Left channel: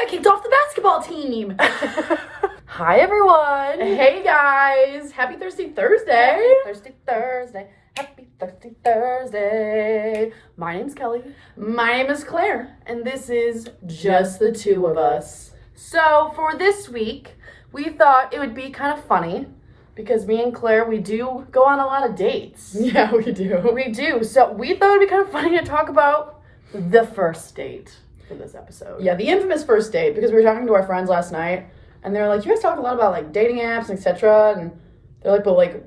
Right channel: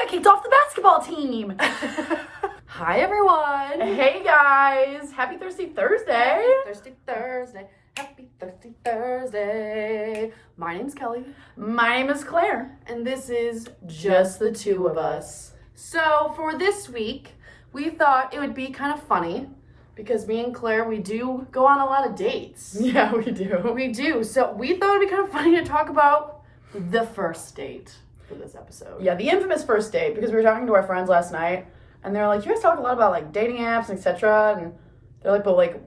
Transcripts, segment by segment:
got kicked off the basketball team. Hi, everyone. Hey, guys. Happy Thirsty Thursday. Thirsty Thursday. Happy Thirsty Thursday. My name's Kelly. My name is Claire. And this is Just the Two of Us. So, for this week, we thought it would be kind of funny because me and Claire, we do go on a lot of dates. Yeah, we do. We do. So, we thought it would be kind of funny to talk about the first date for this episode. Yeah, the infamous first date, because we were talking to our friends last night, and they were like, you guys talk a lot about, like, dating apps, etc., and they're like, but, like,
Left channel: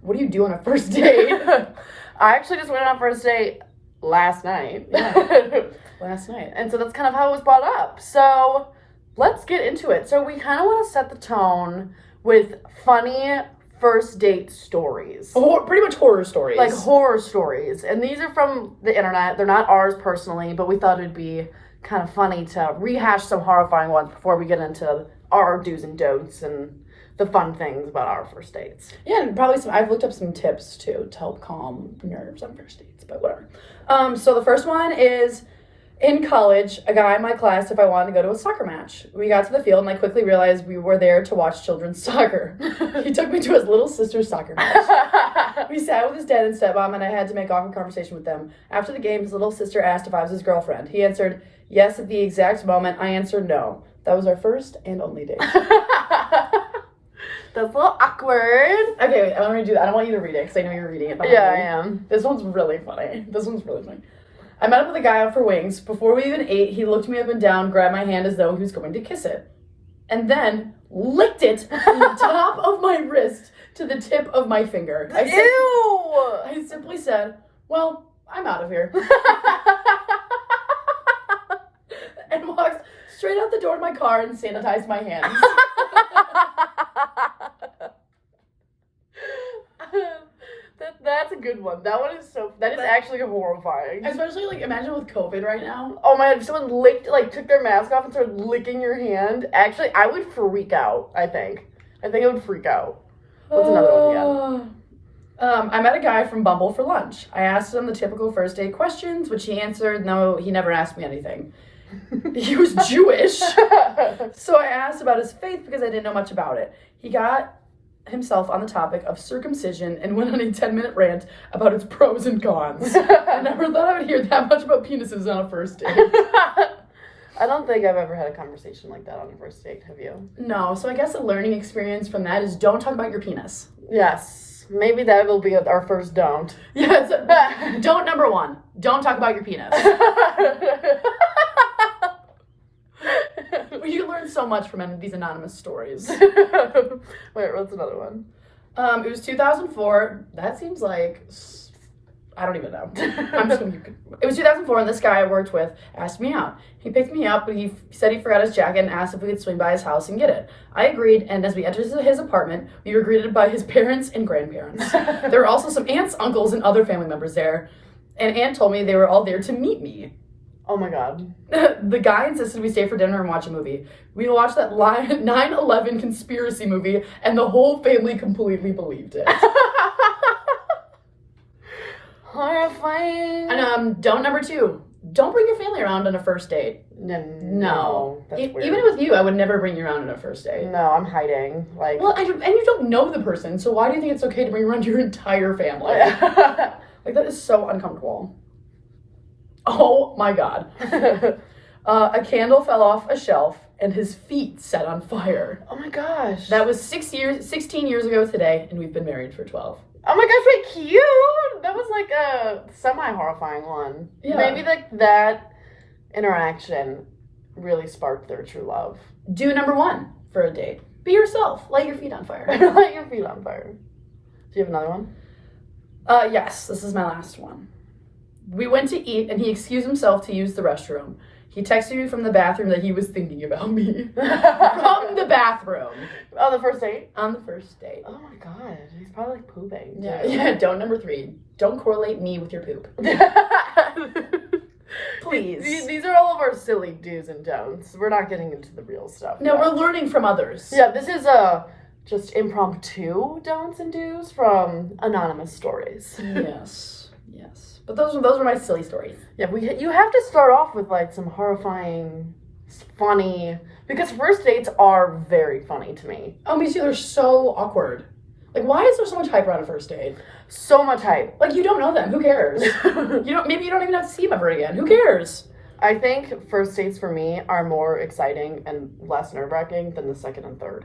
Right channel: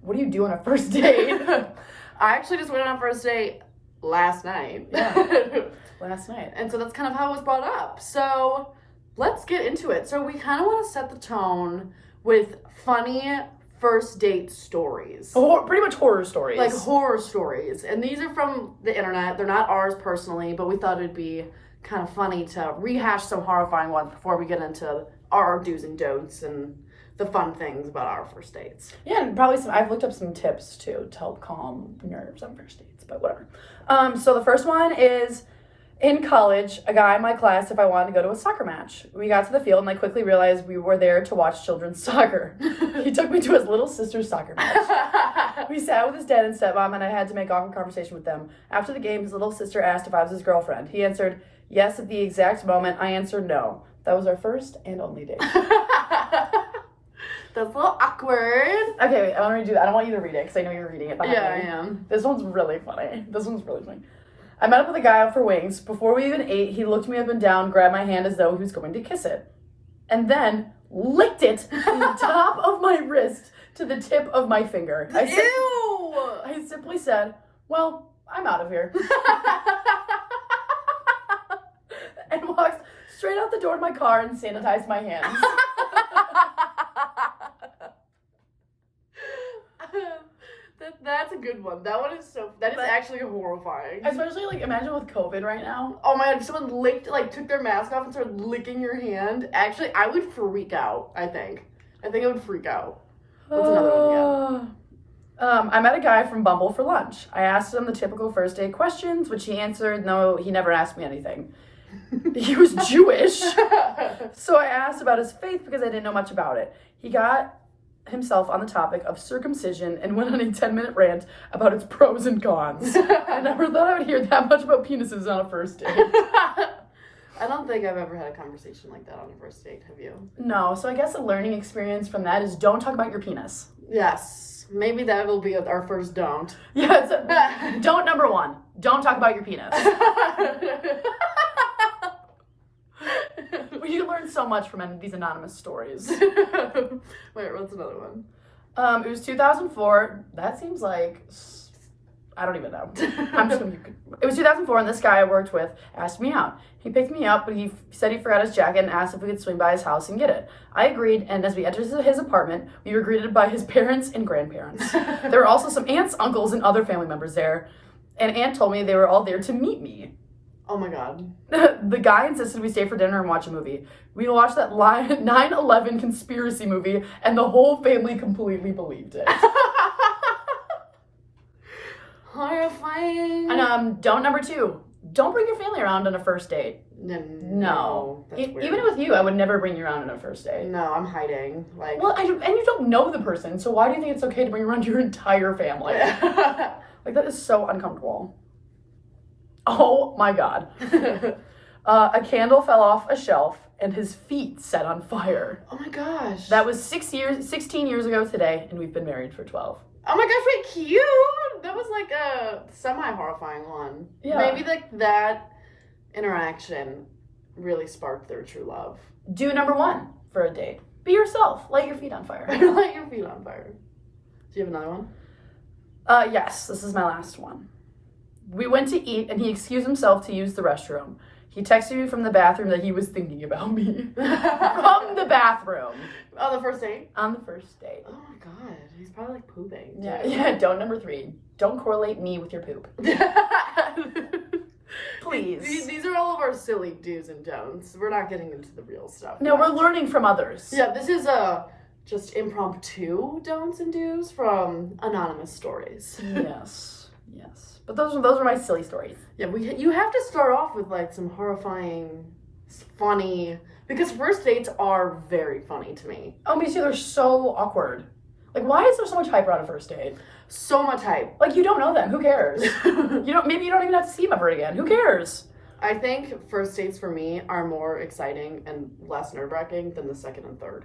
what do you do on a first date? I actually just went on a first date last night. Yeah. Last night. And so that's kind of how it was brought up. So let's get into it. So we kind of want to set the tone with funny first date stories. Pretty much horror stories. Like horror stories. And these are from the internet. They're not ours personally, but we thought it'd be kind of funny to rehash some horrifying ones before we get into our do's and don'ts and the fun things about our first dates. Yeah, and probably I've looked up some tips too to help calm nerves on first dates, but whatever. So the first one is, in college, a guy in my class if I wanted to go to a soccer match. We got to the field and I quickly realized we were there to watch children's soccer. He took me to his little sister's soccer match. We sat with his dad and stepmom and I had to make awkward conversation with them. After the game, his little sister asked if I was his girlfriend. He answered yes at the exact moment. I answered no. That was our first and only date. That's a little awkward. Okay, wait, I want to do that. I don't want you to read it because I know you're reading it. Yeah, I am. This one's really funny. I met up with a guy out for wings. Before we even ate, he looked me up and down, grabbed my hand as though he was going to kiss it, and then licked it from the top of my wrist to the tip of my finger. I simply said, well, I'm out of here. And walked straight out the door of my car and sanitized my hands. That's a good one. That one is that is actually horrifying. Especially, like, imagine with COVID right now. Oh my god, if someone took their mask off and started licking your hand, actually, I would freak out, I think. I would freak out. What's another one again? I met a guy from Bumble for lunch. I asked him the typical first date questions, which he answered, no, he never asked me anything. He was Jewish. So I asked about his faith because I didn't know much about it. He got himself on the topic of circumcision and went on a 10-minute rant about its pros and cons. I never thought I would hear that much about penises on a first date. I don't think I've ever had a conversation like that on a first date, have you? No, so I guess a learning experience from that is don't talk about your penis. Yes, maybe that will be our first don't. Yes, don't number one, don't talk about your penis. You learn so much from these anonymous stories. Wait, what's another one? It was 2004. That seems like, I don't even know. It was 2004, and this guy I worked with asked me out. He picked me up, but he said he forgot his jacket and asked if we could swing by his house and get it. I agreed, and as we entered his apartment, we were greeted by his parents and grandparents. There were also some aunts, uncles, and other family members there, and Aunt told me they were all there to meet me. Oh my god. The guy insisted we stay for dinner and watch a movie. We watched that 9/11 conspiracy movie, and the whole family completely believed it. Horrifying. And don't number two, don't bring your family around on a first date. No. That's weird. Even with you, I would never bring you around on a first date. No, I'm hiding. Like, well, and you don't know the person, so why do you think it's okay to bring around your entire family? Like, that is so uncomfortable. Oh my god. A candle fell off a shelf and his feet set on fire. Oh my gosh. That was 16 years ago today, and we've been married for 12. Oh my gosh, wait, cute! That was like a semi-horrifying one. Yeah. Maybe like that interaction really sparked their true love. Do number one for a date. Be yourself. Light your feet on fire. Light your feet on fire. Do you have another one? Yes, this is my last one. We went to eat, and he excused himself to use the restroom. He texted me from the bathroom that he was thinking about me. From the bathroom. On the first date? On the first date. Oh my god, he's probably like pooping. Yeah, don't number three. Don't correlate me with your poop. Please. These are all of our silly do's and don'ts. We're not getting into the real stuff. No, yet. we're learning from others. Yeah, this is just impromptu don'ts and do's from anonymous stories. Yes. But those are my silly stories. Yeah, you have to start off with like some horrifying funny. Because first dates are very funny to me. Oh, me too. They're so awkward. Like, why is there so much hype around a first date? So much hype. Like, you don't know them. Who cares? Maybe you don't even have to see them ever again. Who cares? I think first dates for me are more exciting and less nerve-wracking than the second and third.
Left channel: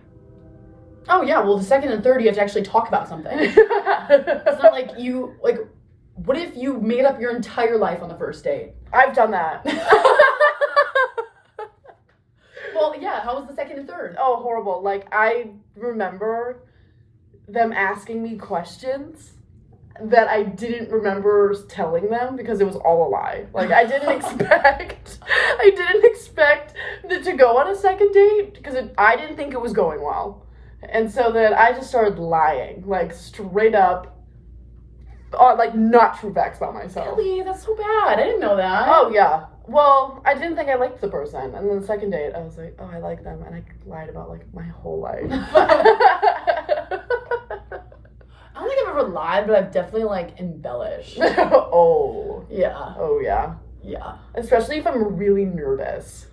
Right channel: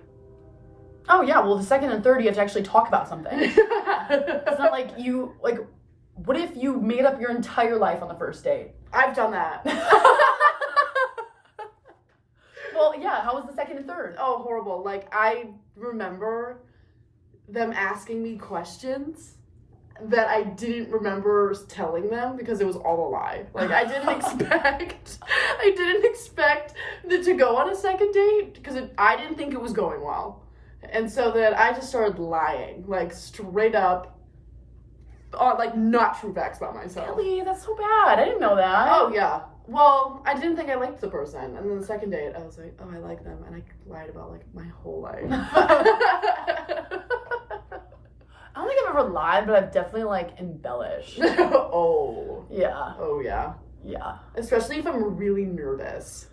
Oh, yeah. Well, the second and third, you have to actually talk about something. It's not like what if you made up your entire life on the first date? I've done that. Well, yeah. How was the second and third? Oh, horrible. Like, I remember them asking me questions that I didn't remember telling them because it was all a lie. Like, I didn't expect to go on a second date because I didn't think it was going well. And so then I just started lying, like, straight up, like, not true facts about myself. Really? That's so bad. I didn't know that. Oh, yeah. Well, I didn't think I liked the person. And then the second date, I was like, oh, I like them. And I lied about, like, my whole life. I don't think I've ever lied, but I've definitely, like, embellished. Oh. Yeah. Oh, yeah. Yeah. Especially if I'm really nervous.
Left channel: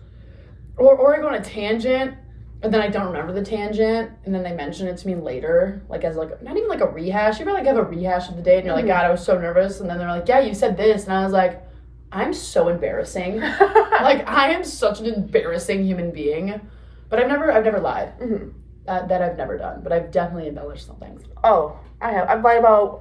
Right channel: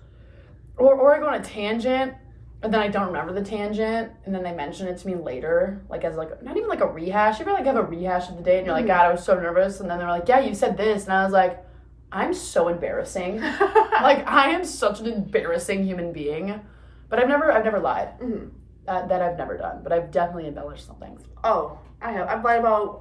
Or I go on a tangent, and then I don't remember the tangent, and then they mention it to me later, like, as, like, not even, like, a rehash. You ever, like, have a rehash of the date, and you're like, God, I was so nervous, and then they're like, yeah, you said this, and I was like, I'm so embarrassing. Like, I am such an embarrassing human being. But I've never lied. Mm-hmm. That I've never done, but I've definitely embellished some things. Oh, I have. I've lied about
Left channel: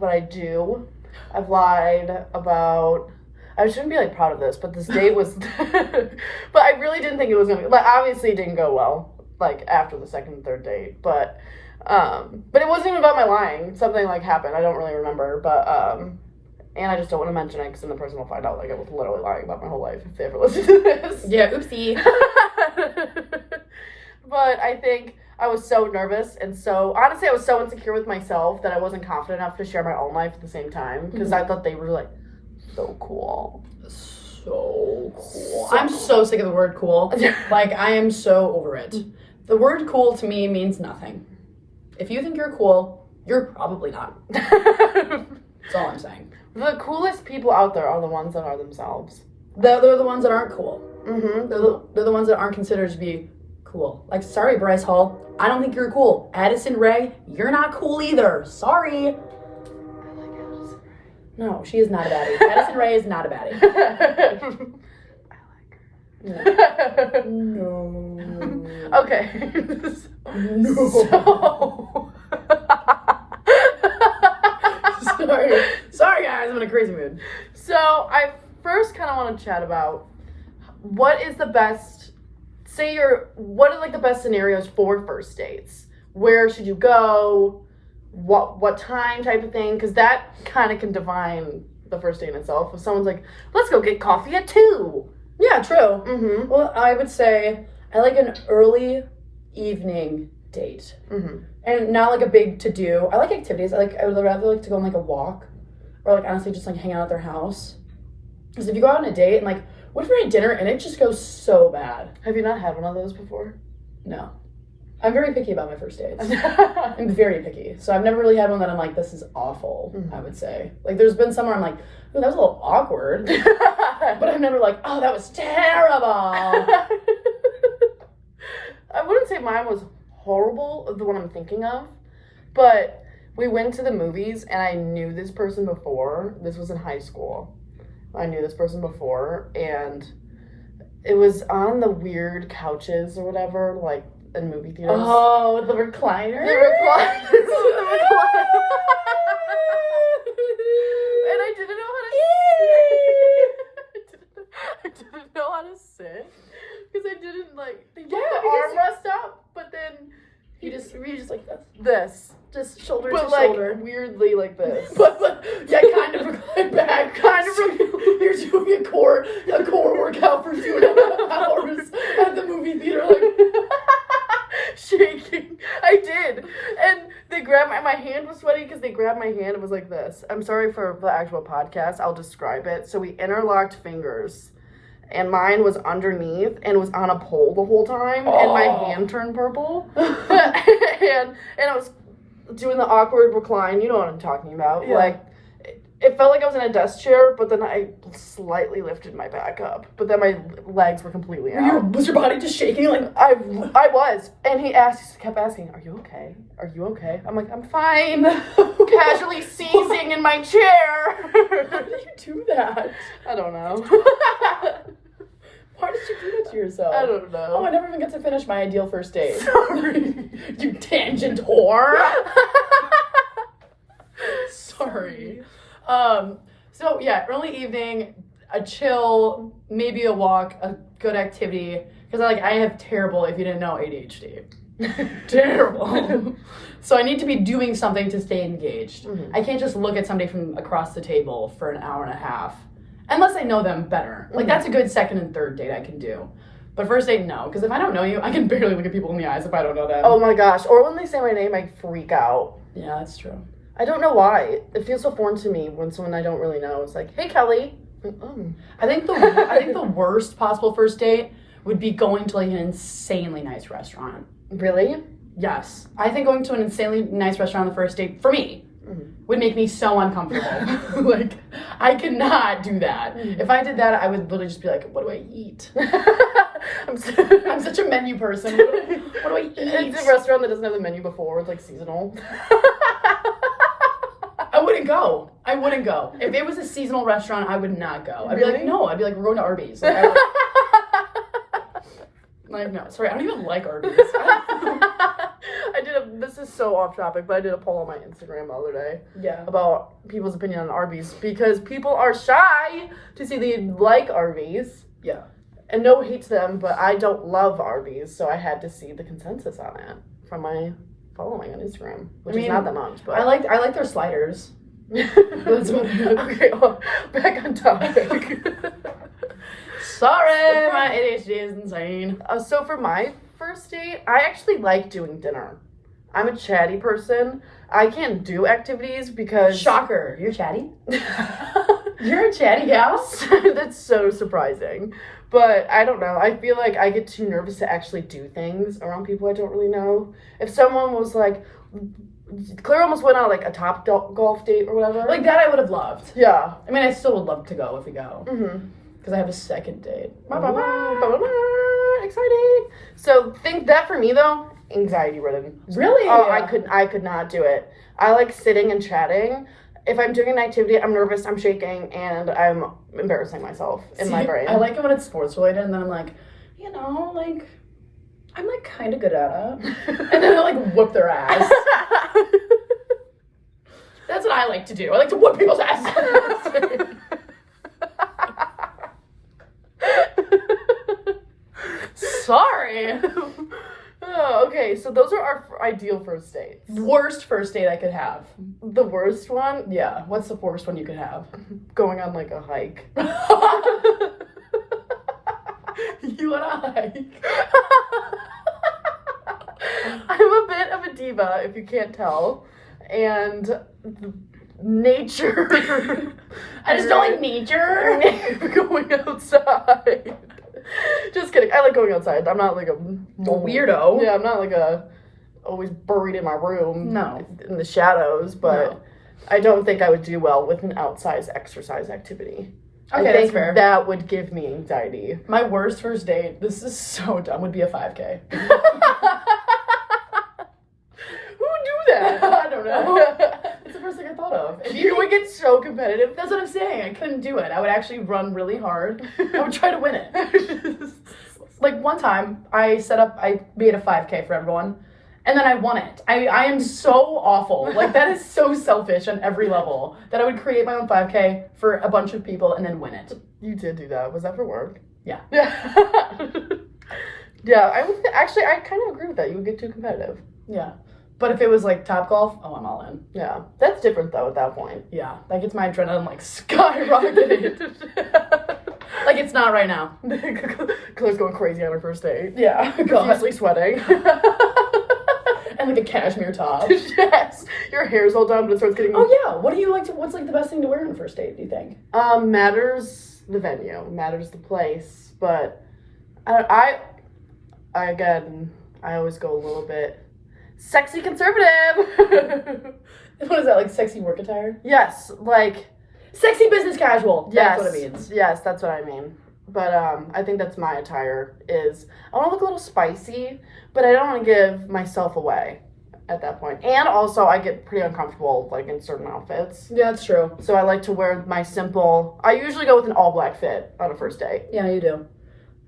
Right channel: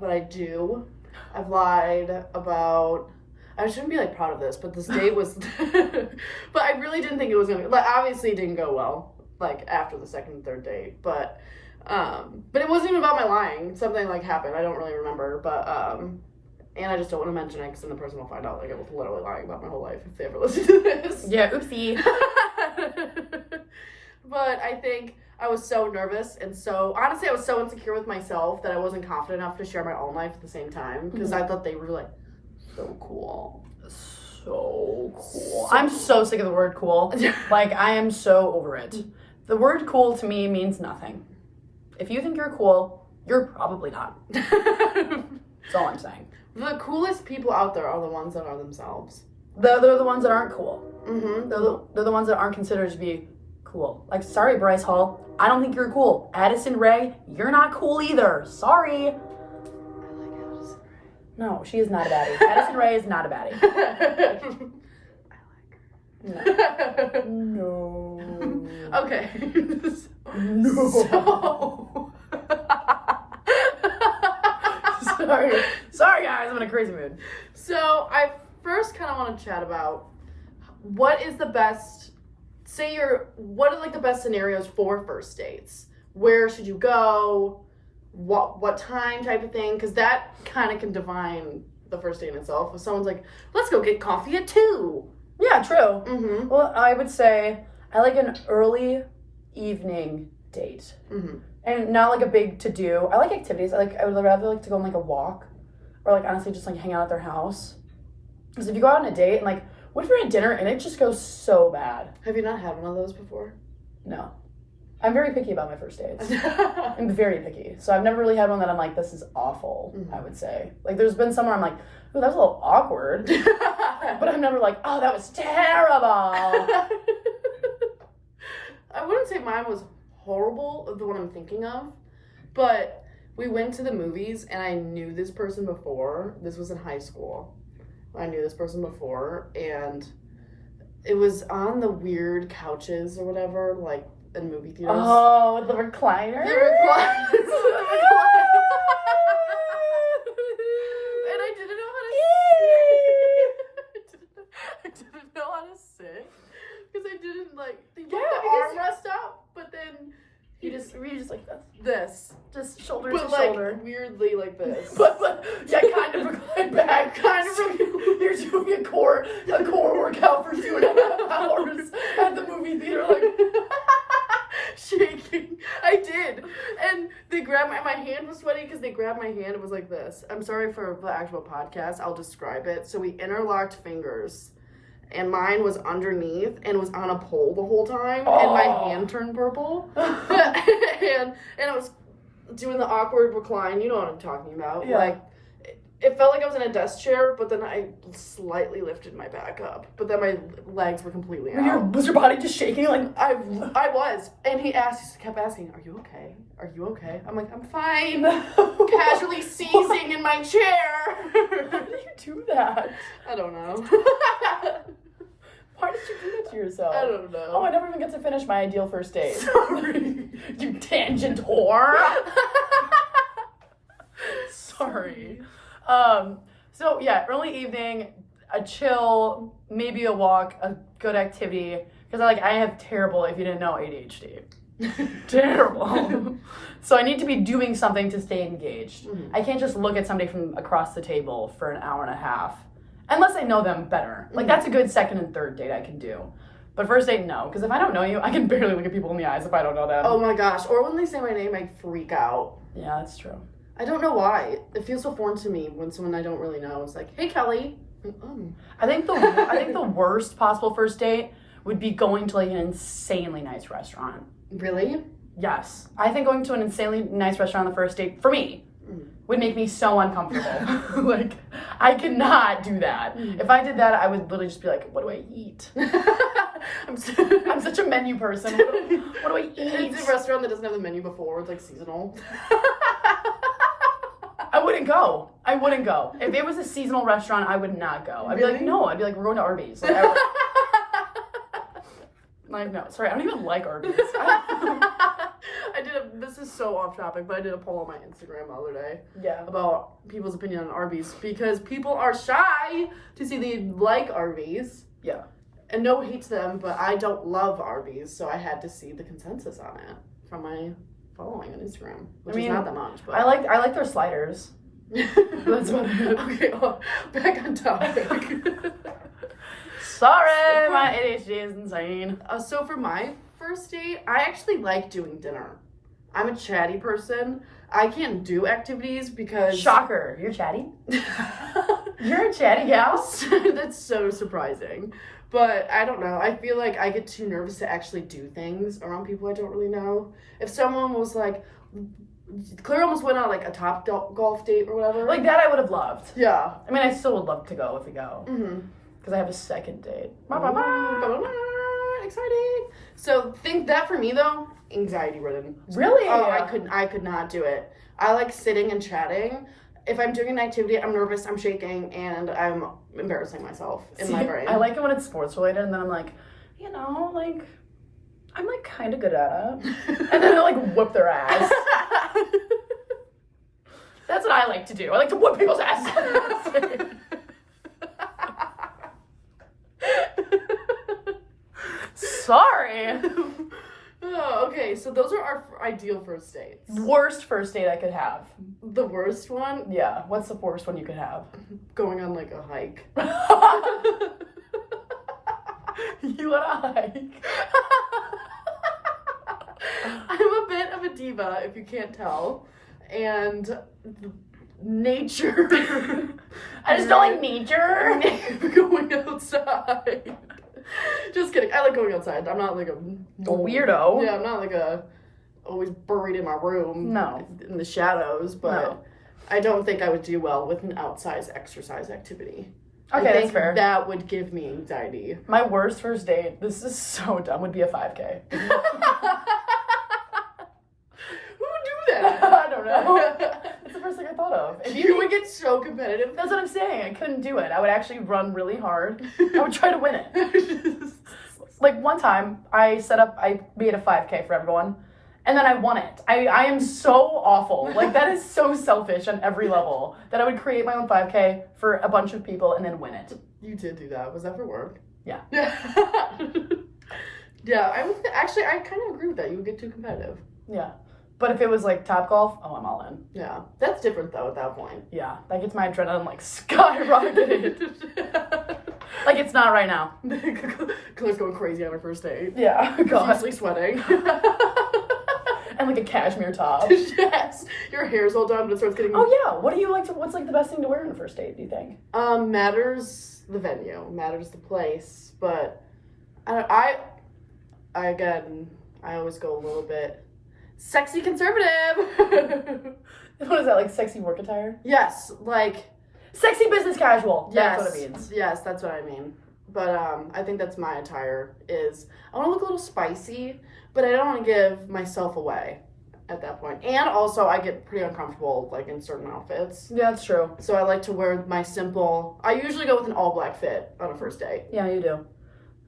what I do. I've lied about. I shouldn't be like proud of this, but this date was. But I really didn't think it was gonna. Like, obviously, it didn't go well. Like after the second and third date, but it wasn't even about my lying. Something like happened. I don't really remember, but and I just don't want to mention it because then the person will find out like I was literally lying about my whole life if they ever listen to this. Yeah, oopsie. But I think I was so nervous and honestly, I was so insecure with myself that I wasn't confident enough to share my own life at the same time because I thought they were like so cool. So cool. I'm so sick of the word cool. Like, I am so over it. The word cool to me means nothing. If you think you're cool, you're probably not. That's all I'm saying. The coolest people out there are the ones that are themselves. They're the ones that aren't cool. Mm-hmm. They're the ones that aren't considered to be cool. Like, sorry, Bryce Hall, I don't think you're cool. Addison Rae, you're not cool either. Sorry. I like Addison Rae. No, she is not a baddie. Addison Rae is not a baddie. I like her. No. Okay. No. Sorry, guys, I'm in a crazy mood. So I first kind of want to chat about what is the best. What are like the best scenarios for first dates? Where should you go? What time type of thing? Because that kind of can define the first date in itself. If someone's like, let's go get coffee at 2. Yeah, true. Mm-hmm. Well, I would say I like an early evening date. Mm-hmm. And not like a big to-do. I like activities. I would rather like to go on like a walk. Or like honestly just like hang out at their house. Because if you go out on a date and like, what if we're at dinner and it just goes so bad? Have you not had one of those before? No. I'm very picky about my first dates. I'm very picky. So I've never really had one that I'm like, this is awful, I would say. Like, there's been some where I'm like, ooh, that was a little awkward. But I'm never like, oh, that was terrible. I wouldn't say mine was horrible, the one I'm thinking of. But we went to the movies and I knew this person before. This was in high school. I knew this person before, and it was on the weird couches or whatever, like in movie theaters. Oh, the recliner? The recliner. And I didn't know how to sit. I didn't know how to sit because I didn't like. They put the armrest up, but then you just like this. This. Just shoulder but to like, shoulder. Weirdly like this. But yeah, kind of reclined back. Kind of You're doing a core workout for 2.5 hours at the movie theater, like shaking. I did. And they grabbed my hand was sweaty because they grabbed my hand. It was like this. I'm sorry for the actual podcast. I'll describe it. So we interlocked fingers. And mine was underneath and was on a pole the whole time. Oh. And my hand turned purple. and I was doing the awkward recline. You know what I'm talking about. Yeah. Like, it felt like I was in a desk chair, but then I slightly lifted my back up. But then my legs were completely out. Was your body just shaking? Like I was. And he kept asking, "Are you okay? Are you okay?" I'm like, "I'm fine." Casually seizing in my chair. How did you do that? I don't know. Why did you do that to yourself? I don't know. Oh, I never even got to finish my ideal first date. Sorry. You tangent whore. Sorry. So yeah, early evening, a chill, maybe a walk, a good activity. Because I have terrible, if you didn't know, ADHD. Terrible. So I need to be doing something to stay engaged. Mm-hmm. I can't just look at somebody from across the table for an hour and a half. Unless I know them better. Like, that's a good second and third date I can do. But first date, no. Because if I don't know you, I can barely look at people in the eyes if I don't know them. Oh my gosh. Or when they say my name, I freak out. Yeah, that's true. I don't know why. It feels so foreign to me when someone I don't really know is like, "Hey, Kelly." I think the worst possible first date would be going to like an insanely nice restaurant. Really? Yes. I think going to an insanely nice restaurant on the first date, for me, would make me so uncomfortable. Like, I could not do that. If I did that, I would literally just be like, what do I eat? I'm such a menu person. What do I eat? It's a restaurant that doesn't have the menu before. It's like seasonal. I wouldn't go. If it was a seasonal restaurant, I would not go. I'd be like, no. I'd be like, we're going to Arby's. Like, no. Sorry, I don't even like Arby's. This is so off topic, but I did a poll on my Instagram the other day. Yeah. About people's opinion on Arby's. Because people are shy to say they like Arby's. Yeah. And no hate to them, but I don't love Arby's. So I had to see the consensus on it from my following on Instagram. Which is not that much, but I like their sliders. That's okay, back on topic. Sorry, my ADHD is insane. So for my first date, I actually like doing dinner. I'm a chatty person. I can't do activities because... Shocker, you're chatty? You're a chatty gal? That's so surprising. But I don't know. I feel like I get too nervous to actually do things around people I don't really know. If someone was like... Claire almost went on like a top golf date or whatever. Like that I would have loved. Yeah. I mean, I still would love to go if we go. Mm-hmm. Because I have a second date. Exciting. So think that for me though, anxiety ridden. Really? Oh, I could not do it. I like sitting and chatting. If I'm doing an activity, I'm nervous, I'm shaking, and I'm embarrassing myself in my brain. I like it when it's sports related, and then I'm like, I'm like kind of good at it. And then I like whoop their ass. That's what I like to do. I like to whoop people's ass. Sorry. Oh, okay, so those are our ideal first dates. Worst first date I could have. The worst one? Yeah. What's the worst one you could have? Going on like a hike. You and a hike. I'm a bit of a diva, if you can't tell. And nature. I just don't like nature. Going outside. Just kidding. I like going outside. I'm not like a weirdo. Yeah, I'm not like always buried in my room. No. In the shadows, but No. I don't think I would do well with an outside exercise activity. Okay, I think that's fair. that would give me anxiety. My worst first date, this is so dumb, would be a 5K. Who would do that? I don't know. That's the first thing I thought of. You would get so competitive. That's what I'm saying. I couldn't do it. I would actually run really hard. I would try to win it. Like one time, I made a 5K for everyone, and then I won it. I am so awful. Like that is so selfish on every level that I would create my own 5K for a bunch of people and then win it. You did do that. Was that for work? Yeah. Yeah, I kind of agree with that. You would get too competitive. Yeah. But if it was like Topgolf, oh, I'm all in. Yeah. That's different though at that point. Yeah. That gets my adrenaline like skyrocketed. Like it's not right now. Claire's going crazy on her first date. Yeah. Profusely sweating. And like a cashmere top. Yes. Your hair's all done, but it starts getting... Oh yeah. What's like the best thing to wear on a first date, do you think? Matters the venue. Matters the place. But I always go a little bit sexy conservative. What is that, like sexy work attire? Yes, like Sexy business casual. Yes, That's what it means. yes, that's what I mean. But I think that's my attire. Is I want to look a little spicy, but I don't want to give myself away at that point. And also, I get pretty uncomfortable like in certain outfits. Yeah, that's true. So I like to wear my simple. I usually go with an all black fit on a first date. Yeah, you do.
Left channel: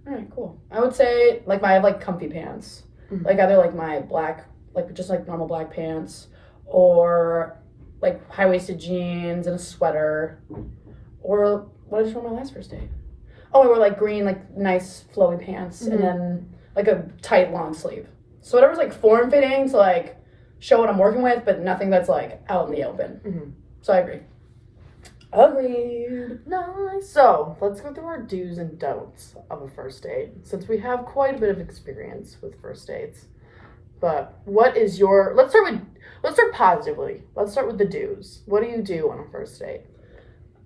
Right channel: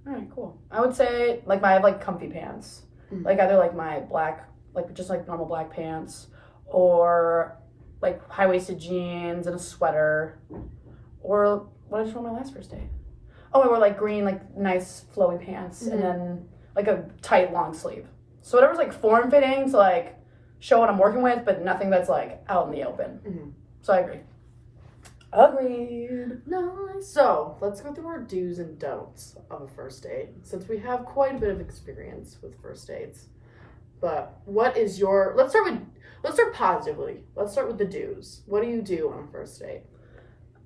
All right, cool. I would say like I have like comfy pants, like either like my black, like just like normal black pants, or like high waisted jeans and a sweater, or what did I wear my last first date? Oh, I wore like green, like nice flowy pants, and then like a tight long sleeve. So whatever's like form fitting to like show what I'm working with, but nothing that's like out in the open. So I agree. Agreed. Nice. So let's go through our do's and don'ts of a first date, since we have quite a bit of experience with first dates. But what is your? Let's start positively. Let's start with the do's. What do you do on a first date?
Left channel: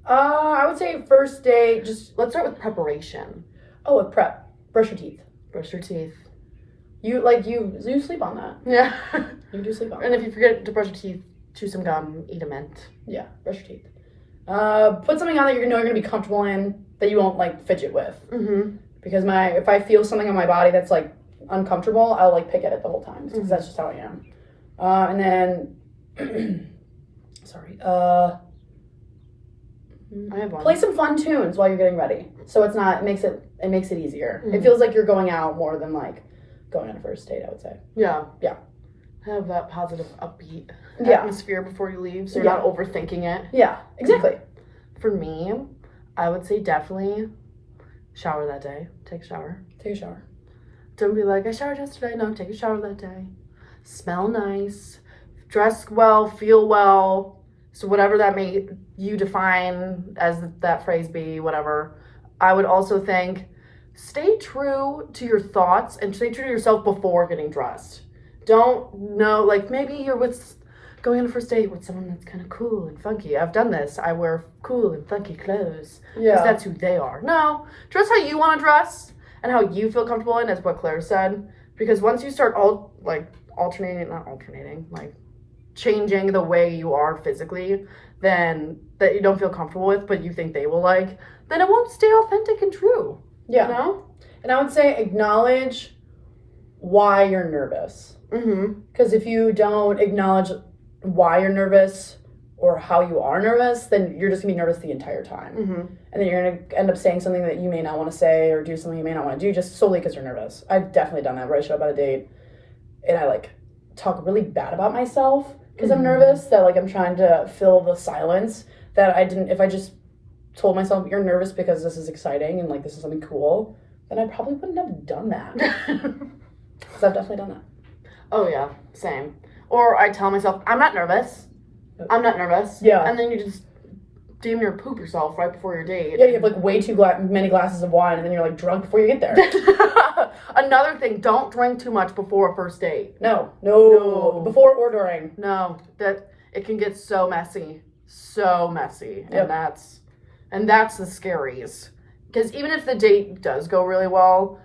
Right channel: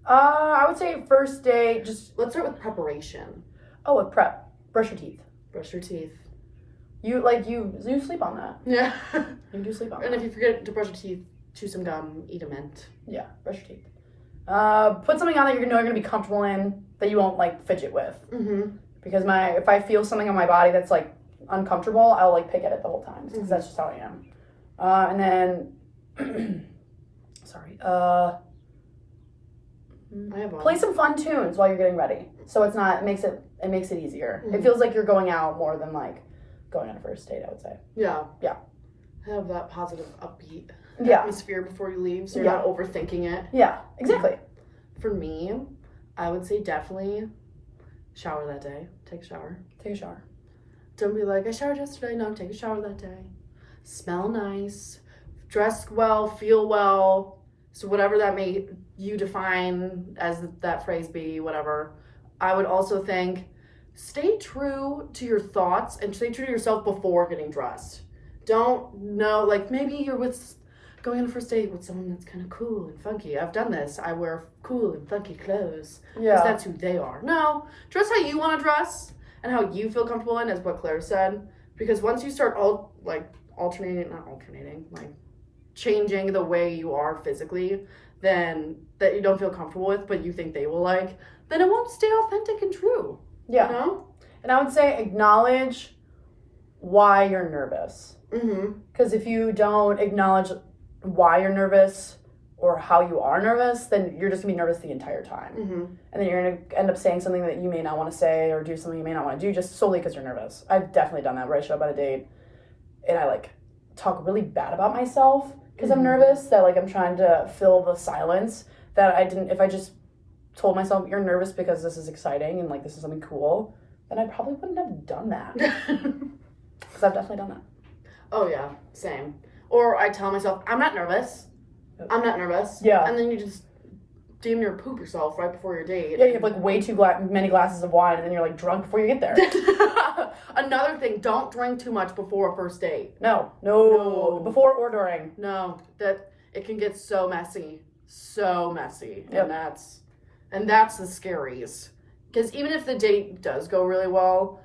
I would say first date, just Let's start with preparation. with prep. Brush your teeth. Brush your teeth. You sleep on that. Yeah. You do sleep on And that. if you forget to brush your teeth, chew some gum, eat a mint. Yeah, brush your teeth. Put something on that you're gonna be comfortable in, that you won't like fidget with. Because if I feel something on my body that's like uncomfortable, I'll like pick at it the whole time because that's just how I am. And then, sorry. I have one. Play some fun tunes while you're getting ready, so it makes it easier. It feels like you're going out more than like going on a first date, I would say. Yeah. Yeah. Have that positive, upbeat Yeah. atmosphere before you leave, so you're not overthinking it. Yeah, exactly. For me, I would say definitely shower that day. Take a shower. Take a shower. Don't be like, I showered yesterday. No, take a shower that day. Smell nice. Dress well. Feel well. So whatever that may you define as that phrase be, whatever. I would also think, stay true to your thoughts and stay true to yourself before getting dressed. Don't know, like maybe you're going on a first date with someone that's kind of cool and funky. I've done this. I wear cool and funky clothes because that's who they are. No, dress how you want to dress and how you feel comfortable in, is what Claire said. Because once you start changing the way you are physically, then that you don't feel comfortable with, but you think they will like, then it won't stay authentic and true. Yeah. You know? And I would say acknowledge why you're nervous. Because if you don't acknowledge why you're nervous or how you are nervous, then you're just gonna be nervous the entire time. And then you're gonna end up saying something that you may not want to say or do something you may not want to do just solely because you're nervous. I've definitely done that where I show up at a date and I like talk really bad about myself because I'm nervous, that like I'm trying to fill the silence that I didn't. If I just told myself you're nervous because this is exciting and like this is something cool, then I probably wouldn't have done that. Because I've definitely done that. Oh yeah, same. Or I tell myself, I'm not nervous. I'm not nervous. Yeah. And then you just damn near poop yourself right before your date. Yeah, you have like way too many glasses of wine and then you're like drunk before you get there. Another thing, don't drink too much before a first date. No. Before or during. No, that it can get so messy. Yep. And that's the scariest. Because even if the date does go really well,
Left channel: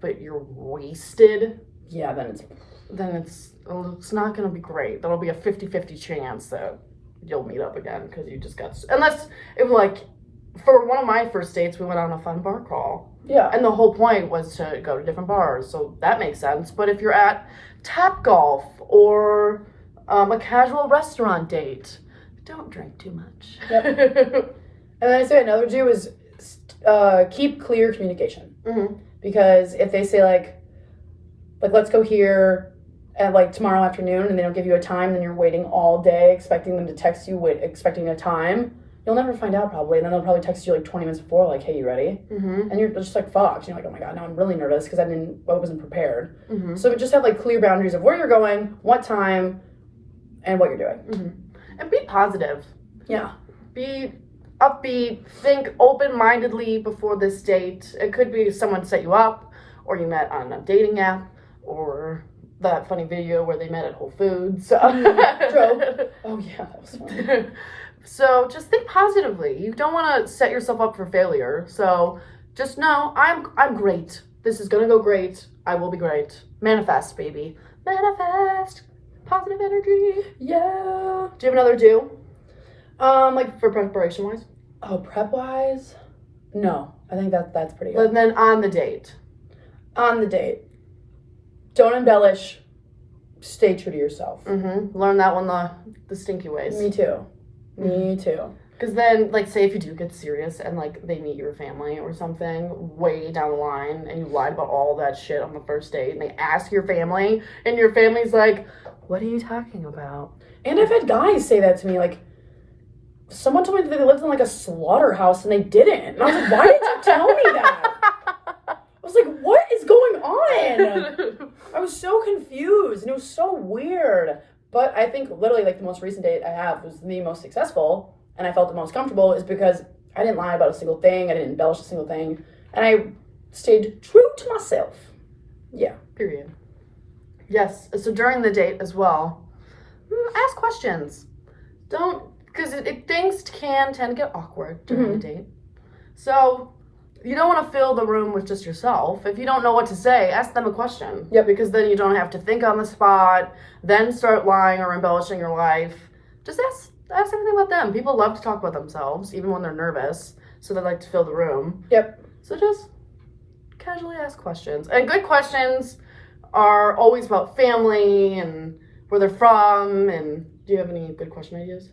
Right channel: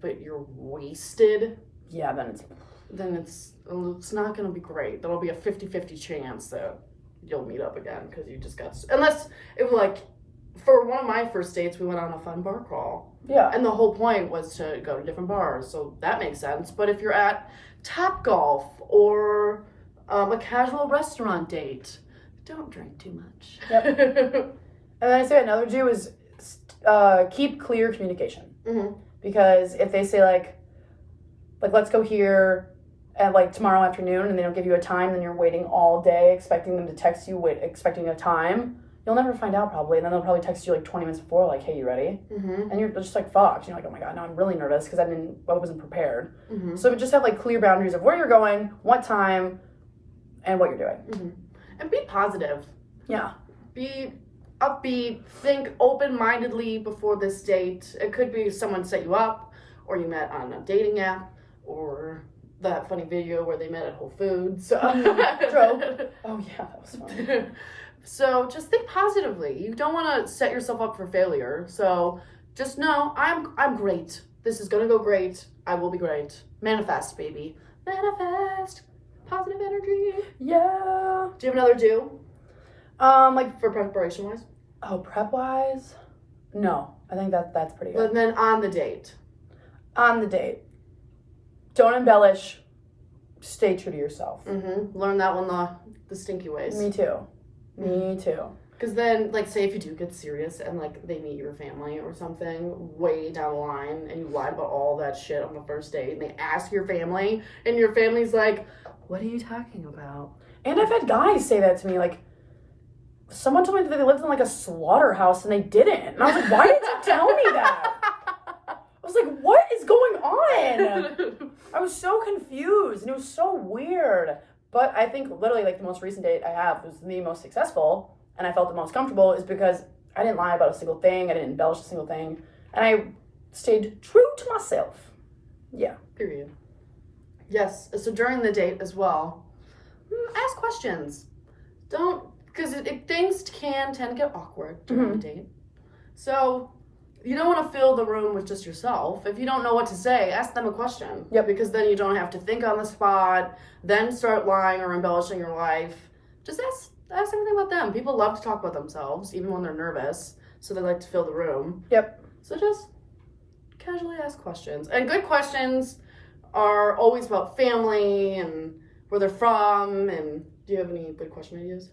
but you're wasted, Yeah, then it's not going to be great. There'll be a 50-50 chance that you'll meet up again because you just got... Unless, for one of my first dates, we went on a fun bar crawl. Yeah. And the whole point was to go to different bars, so that makes sense. But if you're at Tap Golf or a casual restaurant date, don't drink too much. Yep. And then I say another do is keep clear communication. Because if they say like let's go here at like tomorrow afternoon and they don't give you a time, then you're waiting all day expecting them to text you, expecting a time. You'll never find out probably, and then they'll probably text you like 20 minutes before, like, hey, you ready? And you're just like fucked. You're like, oh my god, now I'm really nervous because I wasn't prepared. So just have like clear boundaries of where you're going, what time, and what you're doing. And be positive. Yeah. Be upbeat. Think open-mindedly before this date. It could be someone set you up, or you met on a dating app, or that funny video where they met at Whole Foods. True. Oh yeah, that was fun. So just think positively. You don't want to set yourself up for failure. So just know I'm great. This is gonna go great. I will be great. Manifest, baby. Manifest. Positive energy. Yeah. Do you have another do? Like, For preparation wise? oh, prep wise? No. I think that's pretty good. But then on the date. On the date. Don't embellish. Stay true to yourself. Learn that one the stinky ways. Me too. Me too. Because then, like, say if you do get serious and, like, they meet your family or something way down the line and you lied about all that shit on the first date and they ask your family and your family's like, what are you talking about? And I've had guys say that to me, like, someone told me that they lived in, like, a slaughterhouse and they didn't. And I was like, why did you tell me that? I was like, what is going on? I was so confused and it was so weird. But I think literally, like, the most recent date I have was the most successful and I felt the most comfortable is because I didn't lie about a single thing. I didn't embellish a single thing. And I stayed true to myself. Yeah. Period. Yes. So during the date as well, ask questions. Don't, because things can tend to get awkward during the date. So you don't want to fill the room with just yourself. If you don't know what to say, ask them a question. Yep. Because then you don't have to think on the spot, then start lying or embellishing your life. Just ask everything about them. People love to talk about themselves, even when they're nervous. So they like to fill the room. Yep. So just casually ask questions. And good questions are always about family and where they're from. And do you have any good question ideas?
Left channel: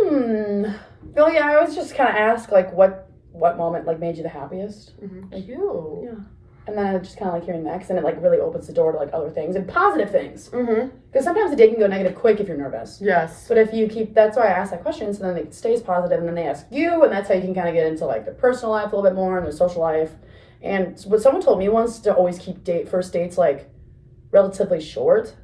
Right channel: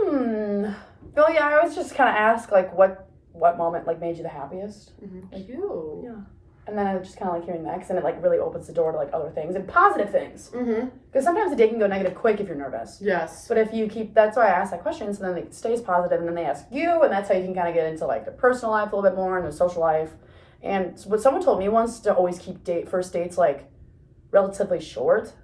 Well, yeah, I always just kind of ask, like, what moment, like, made you the happiest? Cute. Yeah. And then I just kind of like hearing that, because then it, like, really opens the door to, like, other things and positive things. Because sometimes the day can go negative quick if you're nervous. Yes. But if you that's why I ask that question, so then it stays positive, and then they ask you, and that's how you can kind of get into, like, their personal life a little bit more and their social life. And what someone told me once to always keep first dates, like, relatively short.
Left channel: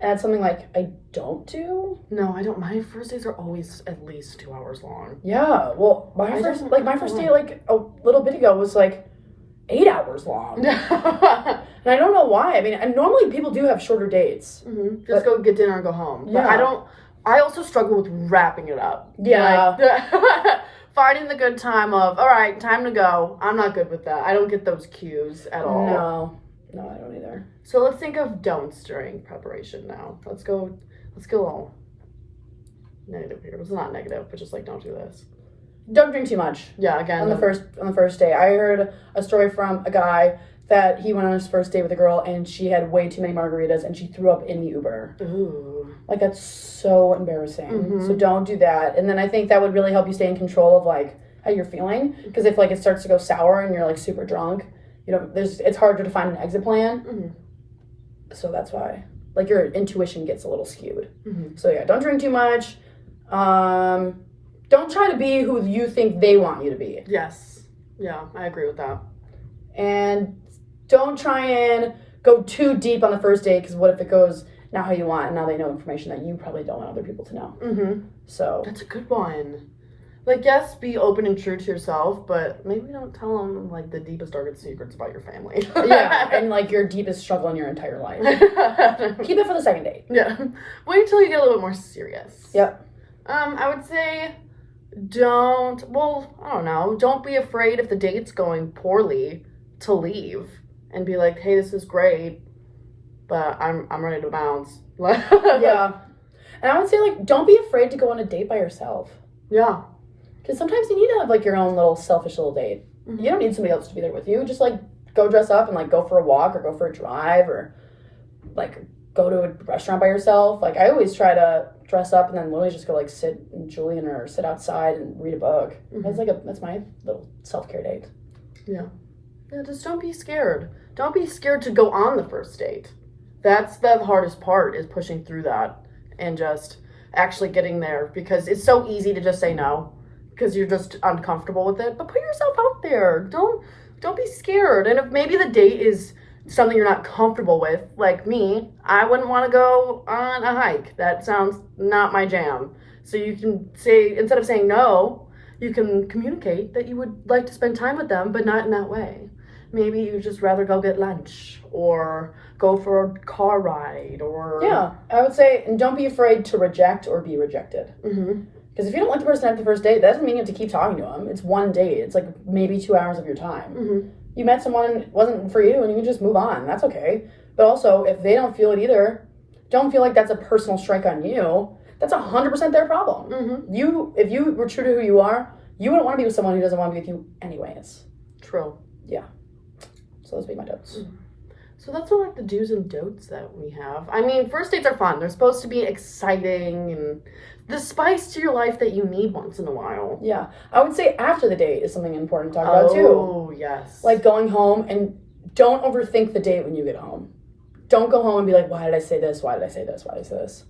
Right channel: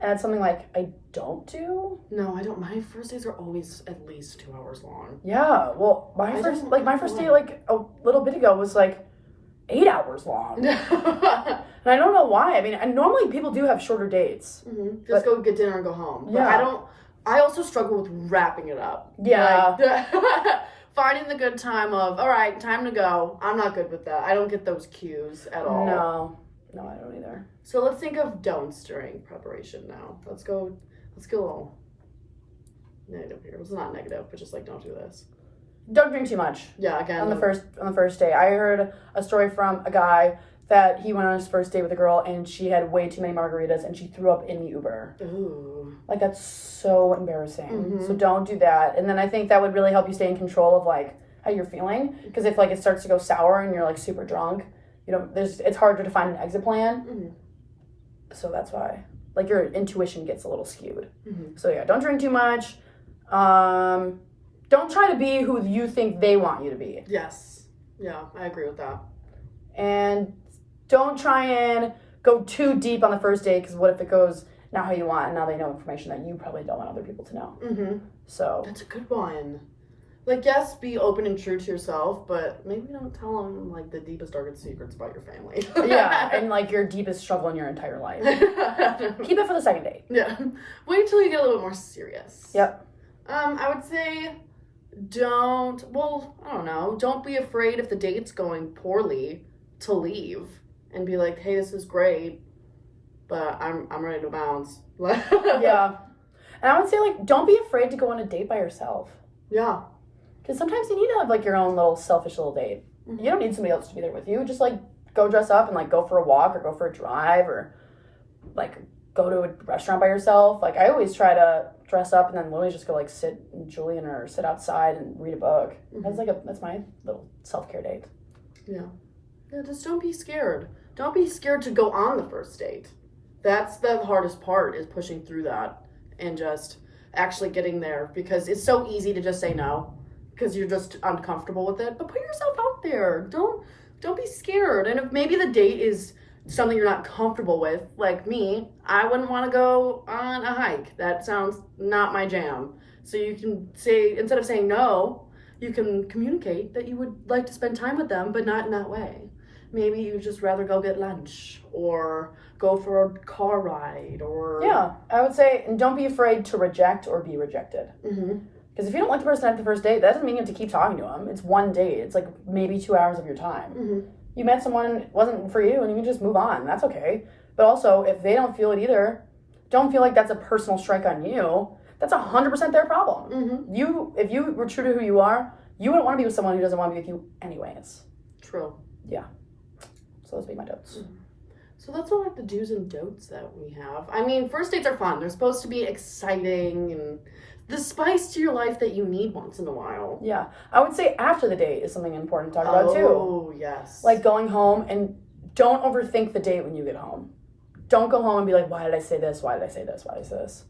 And that's something, like, I don't do. No, I don't. My first dates are always at least 2 hours long. Yeah, well, my first date, like, a little bit ago was, like, 8 hours long. And I don't know why. I mean, and normally people do have shorter dates. Just go get dinner and go home. But Yeah. I also struggle with wrapping it up. Yeah. Like, finding the good time of, all right, time to go. I'm not good with that. I don't get those cues at all. No, I don't either. So let's think of don'ts during preparation now. Let's go all negative here. It's not negative, but just like don't do this. Don't drink too much. Yeah, again. On the first day. I heard a story from a guy that he went on his first date with a girl and she had way too many margaritas and she threw up in the Uber. Ooh. Like, that's so embarrassing. So don't do that. And then I think that would really help you stay in control of, like, how you're feeling. Because if, like, it starts to go sour and you're, like, super drunk, it's harder to find an exit plan. So that's why, like, your intuition gets a little skewed. So yeah, don't drink too much. Don't try to be who you think they want you to be. Yes. Yeah, I agree with that. And don't try and go too deep on the first date, because what if it goes not how you want and now they know information that you probably don't want other people to know. So that's a good one. Like, yes, be open and true to yourself, but maybe don't tell them, like, the deepest, darkest secrets about your family. Yeah, and, like, your deepest struggle in your entire life. Keep it for the second date. Yeah. Wait till you get a little bit more serious. Yep. I would say don't be afraid if the date's going poorly to leave and be like, hey, this is great, but I'm ready to bounce. Yeah. And I would say, like, don't be afraid to go on a date by yourself. Yeah. Because sometimes you need to have, like, your own little selfish little date. You don't need somebody else to be there with you. Just, like, go dress up and, like, go for a walk or go for a drive or, like, go to a restaurant by yourself. Like, I always try to dress up and then literally just go, like, sit in Julian or sit outside and read a book. That's my little self-care date. Yeah. Yeah, just don't be scared. Don't be scared to go on the first date. That's the hardest part, is pushing through that and just actually getting there, because it's so easy to just say no because you're just uncomfortable with it. But put yourself out there. Don't be scared. And if maybe the date is something you're not comfortable with, like me, I wouldn't want to go on a hike. That sounds not my jam. So you can say, instead of saying no, you can communicate that you would like to spend time with them, but not in that way. Maybe you'd just rather go get lunch or go for a car ride or... Yeah, I would say, and don't be afraid to reject or be rejected. Because if you don't like the person at the first date, that doesn't mean you have to keep talking to them. It's one date. It's like maybe 2 hours of your time. You met someone, it wasn't for you, and you can just move on. That's okay. But also, if they don't feel it either, don't feel like that's a personal strike on you. that's 100% their problem. Mm-hmm. If you were true to who you are, you wouldn't want to be with someone who doesn't want to be with you anyways. True. Yeah. So those would be my notes. Mm-hmm. So that's all like the do's and don'ts that we have. I mean, first dates are fun. They're supposed to be exciting and the spice to your life that you need once in a while. Yeah. I would say after the date is something important to talk about too. Oh, yes. Like going home, and don't overthink the date when you get home. Don't go home and be like, why did I say this? Why did I say this? Why did I say this?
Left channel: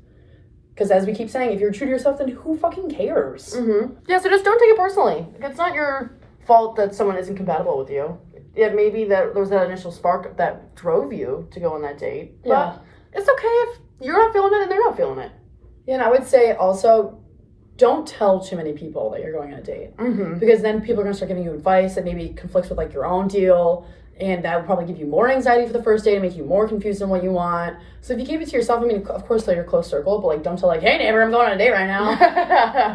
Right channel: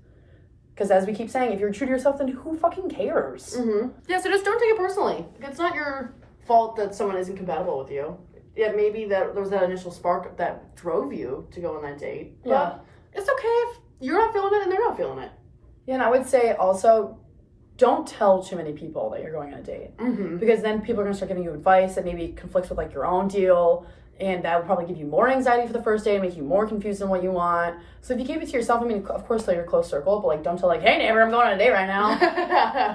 Because as we keep saying, if you're true to yourself, then who fucking cares? Mm-hmm. Yeah, so just don't take it personally. It's not your fault that someone isn't compatible with you. It may be that there was that initial spark that drove you to go on that date. Yeah. But it's okay if you're not feeling it and they're not feeling it. Yeah, and I would say also, don't tell too many people that you're going on a date. Mm-hmm. Because then people are going to start giving you advice that maybe conflicts with like your own deal. And that will probably give you more anxiety for the first date and make you more confused on what you want. So if you keep it to yourself, I mean, of course, tell your close circle, but like, don't tell like, hey neighbor, I'm going on a date right now.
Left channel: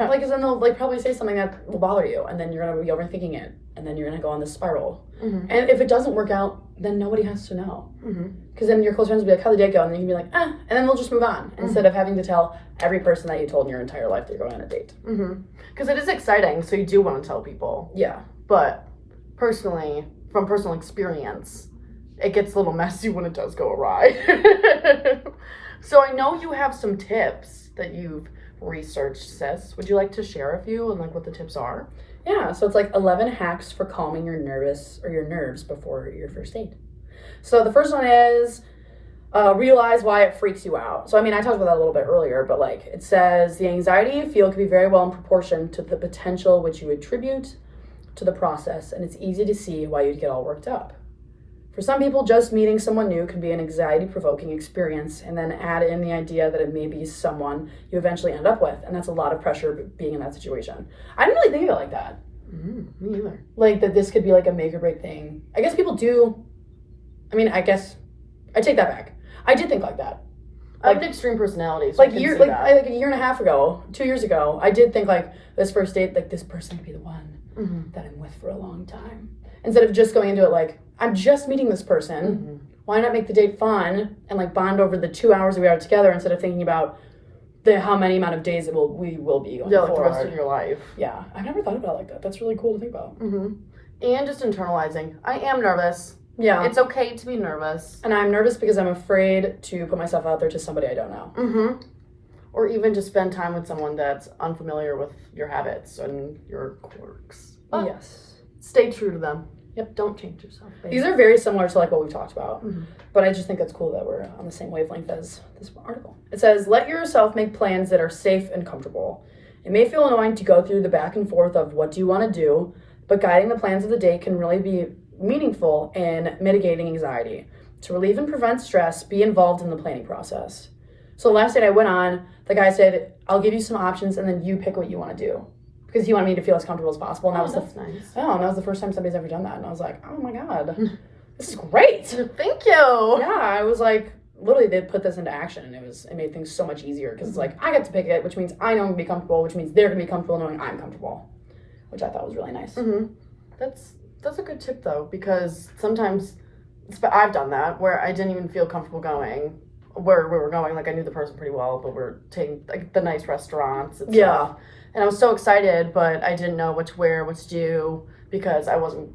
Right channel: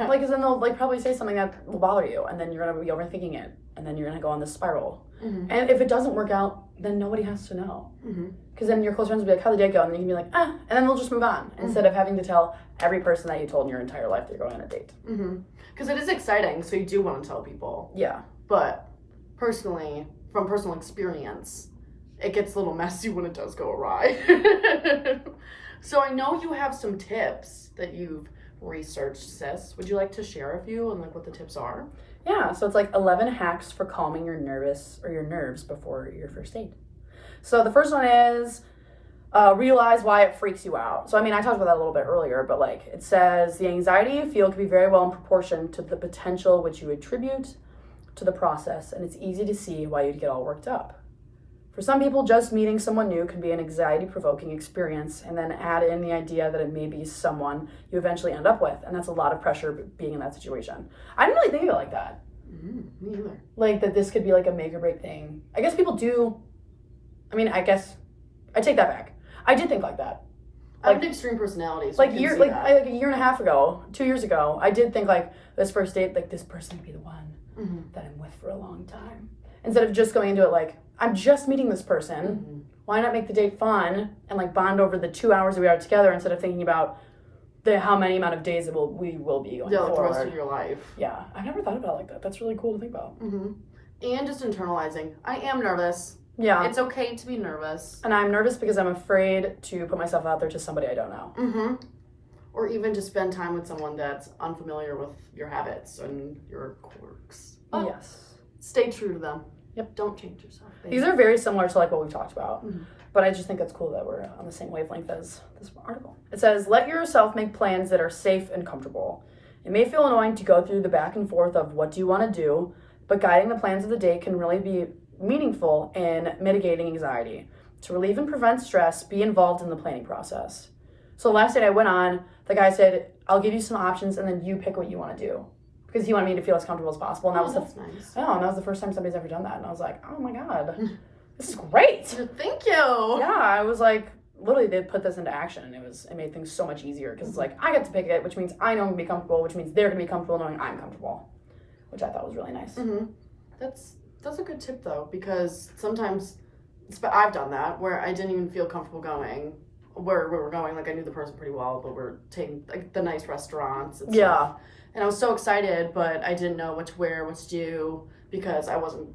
Like, because then they'll like probably say something that will bother you, and then you're gonna be overthinking it, and then you're gonna go on this spiral. Mm-hmm. And if it doesn't work out, then nobody has to know. Because then your close friends will be like, how'd the date go? And then you can be like, and then they'll just move on instead of having to tell every person that you told in your entire life that you're going on a date. Because it is exciting, so you do want to tell people. Yeah. But personally, from personal experience, it gets a little messy when it does go awry. So I know you have some tips that you've researched, sis. Would you like to share a few and like what the tips are? Yeah, so it's like 11 hacks for calming your nerves before your first date. So the first one is realize why it freaks you out. So I mean, I talked about that a little bit earlier, but like it says the anxiety you feel can be very well in proportion to the potential which you attribute to the process, and it's easy to see why you'd get all worked up. For some people, just meeting someone new can be an anxiety-provoking experience, and then add in the idea that it may be someone you eventually end up with, and that's a lot of pressure being in that situation. I didn't really think of it like that. Me either. Like that this could be like a make or break thing. I guess people do. I mean, I guess I take that back. I did think like that. I have an extreme personality, so like I can year, see like that. like a year and a half ago, 2 years ago, I did think like this first date, like this person could be the one that I'm with for a long time. Instead of just going into it like, I'm just meeting this person. Why not make the date fun and like bond over the 2 hours that we are together instead of thinking about how many amount of days we will be going like the forward. rest of your life. Yeah, I've never thought about it like that. That's really cool to think about. And just internalizing. I am nervous. Yeah. It's okay to be nervous. And I'm nervous because I'm afraid to put myself out there to somebody I don't know. Or even just spend time with someone that's unfamiliar with your habits and your quirks. But yes. stay true to them. Yep. Don't change yourself, baby. These are very similar to like what we've talked about. But I just think it's cool that we're on the same wavelength as this article. It says, let yourself make plans that are safe and comfortable. It may feel annoying to go through the back and forth of what do you want to do, but guiding the plans of the day can really be meaningful in mitigating anxiety. To relieve and prevent stress, be involved in the planning process. So the last date I went on, the guy said, I'll give you some options and then you pick what you want to do. Because he wanted me to feel as comfortable as possible. And that's nice. And that was the first time somebody's ever done that. And I was like, oh my God, this is great. Thank you. Yeah, I was like, literally they put this into action and it made things so much easier. Because it's like, I get to pick it, which means I know I'm going to be comfortable, which means they're going to be comfortable knowing I'm comfortable. Which I thought was really nice. That's a good tip though, because sometimes I've done that where I didn't even feel comfortable going where we were going. Like I knew the person pretty well, but we're taking like the nice restaurants and stuff. And I was so excited, but I didn't know what to wear, what to do, because I wasn't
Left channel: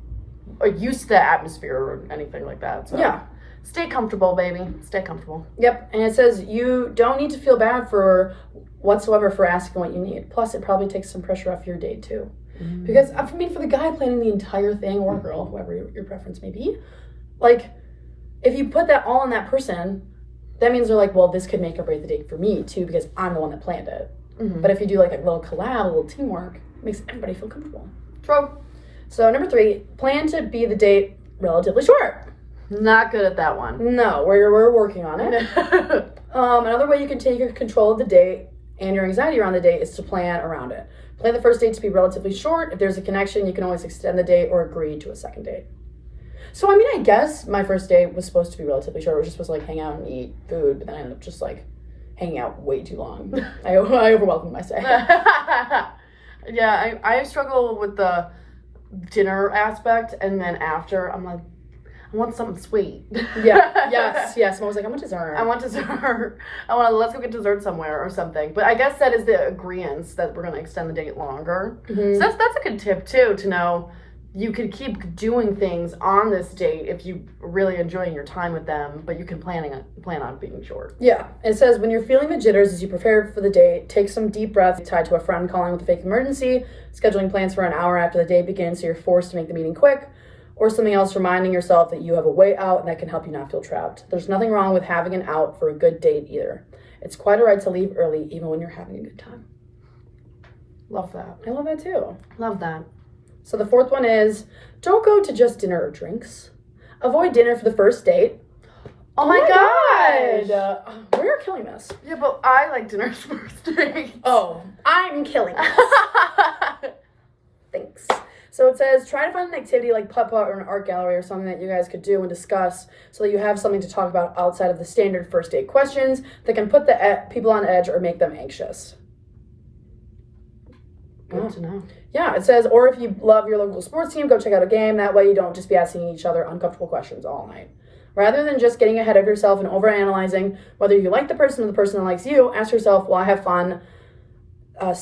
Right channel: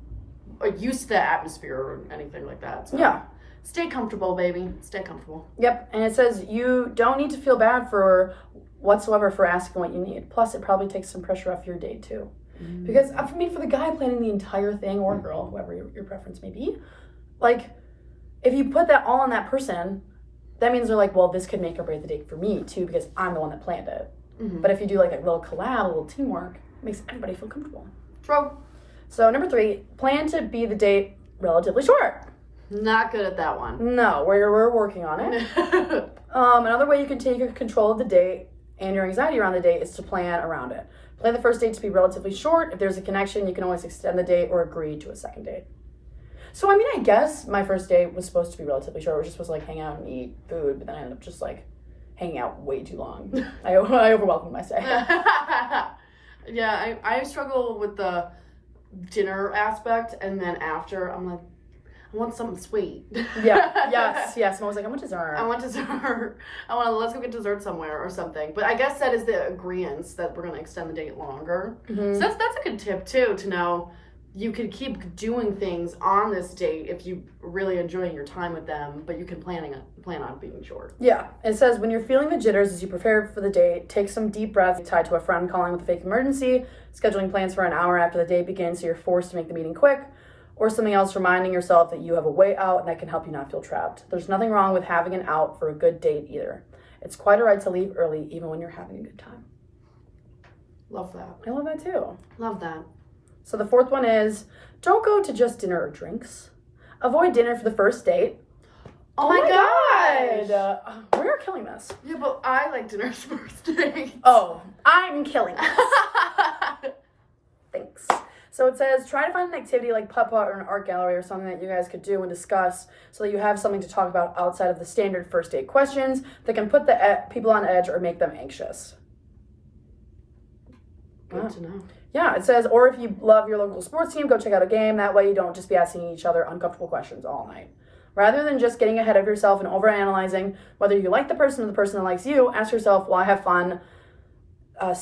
used to the atmosphere or anything like that. So stay comfortable, baby. Stay comfortable. Yep. And it says you don't need to feel bad for whatsoever for asking what you need. Plus, it probably takes some pressure off your date too. Because for me, for the guy planning the entire thing, or girl, whoever your preference may be, like if you put that all on that person, that means they're like, well, this could make or break the date for me too, because I'm the one that planned it. But if you do like a little collab, a little teamwork, it makes everybody feel comfortable. True. So number 3, plan to be the date relatively short. Not good at that one. No, we're working on it. Another way you can take control of the date and your anxiety around the date is to plan around it. Plan the first date to be relatively short. If there's a connection, you can always extend the date or agree to a second date. So, I mean, I guess my first date was supposed to be relatively short. We were just supposed to, like, hang out and eat food, but then I ended up just, like, hanging out way too long. I overwhelmed my stay. Yeah, I struggle with the dinner aspect, and then after, I'm like, I want something sweet. Yeah, yes. And I was like, I want dessert. I want dessert. Let's go get dessert somewhere or something. But I guess that is the agreeance that we're going to extend the date longer. Mm-hmm. So that's a good tip, too, to know you could keep doing things on this date if you really enjoying your time with them, but you can plan on being short. Yeah. It says, when you're feeling the jitters as you prepare for the date, take some deep breaths tied to a friend calling with a fake emergency, scheduling plans for an hour after the date begins so you're forced to make the meeting quick, or something else reminding yourself that you have a way out that can help you not feel trapped. There's nothing wrong with having an out for a good date either. It's quite a right to leave early even when you're having a good time. Love that. I love that too. Love that. So the fourth one is, don't go to just dinner or drinks. Avoid dinner for the first date. Oh my gosh. We are killing this. Yeah, but I like dinner's first date. Oh, I'm killing this. Thanks. So it says, try to find an activity like putt-putt or an art gallery or something that you guys could do and discuss so that you have something to talk about outside of the standard first date questions that can put the people on edge or make them anxious. Good to know. Yeah, it says, or if you love your local sports team, go check out a game. That way you don't just be asking each other uncomfortable questions all night. Rather than just getting ahead of yourself and overanalyzing whether you like the person or the person that likes you, ask yourself, will I have fun, have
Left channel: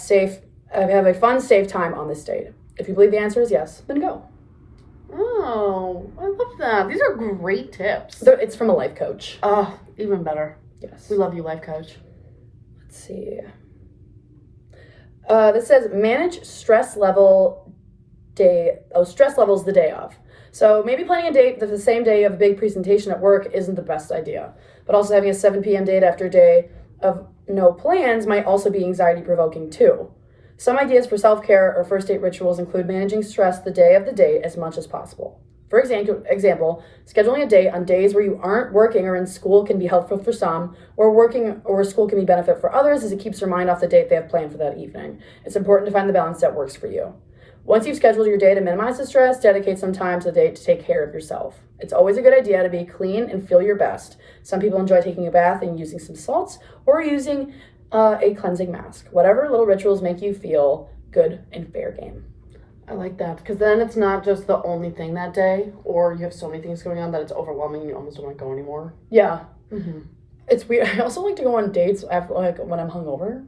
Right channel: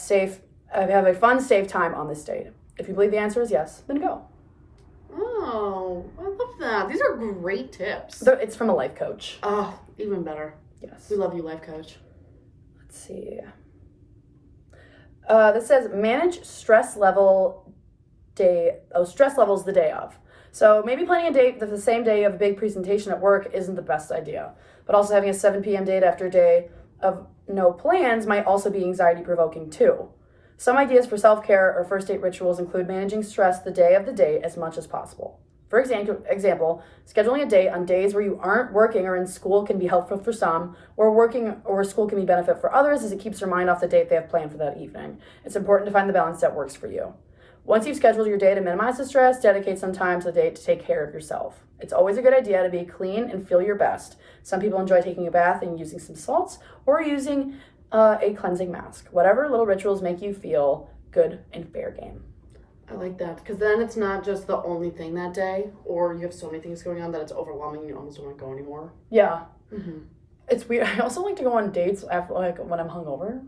a fun, safe time on this date? If you believe the answer is yes, then go. Oh, I love that. These are great tips. It's from a life coach. Oh, even better. Yes. We love you, life coach. Let's see. This says manage stress levels the day of. So maybe planning a date the same day of a big presentation at work isn't the best idea. But also having a 7 p.m. date after a day of no plans might also be anxiety provoking too. Some ideas for self-care or first date rituals include managing stress the day of the date as much as possible. For example, scheduling a date on days where you aren't working or in school can be helpful for some, or working or school can be benefit for others as it keeps their mind off the date they have planned for that evening. It's important to find the balance that works for you. Once you've scheduled your day to minimize the stress, dedicate some time to the date to take care of yourself. It's always a good idea to be clean and feel your best. Some people enjoy taking a bath and using some salts, or using a cleansing mask. Whatever little rituals make you feel good and fair game. I like that, because then it's not just the only thing that day, or you have so many things going on that it's overwhelming and you almost don't want to go anymore. Yeah. Mm-hmm. It's weird. I also like to go on dates after, when I'm hungover.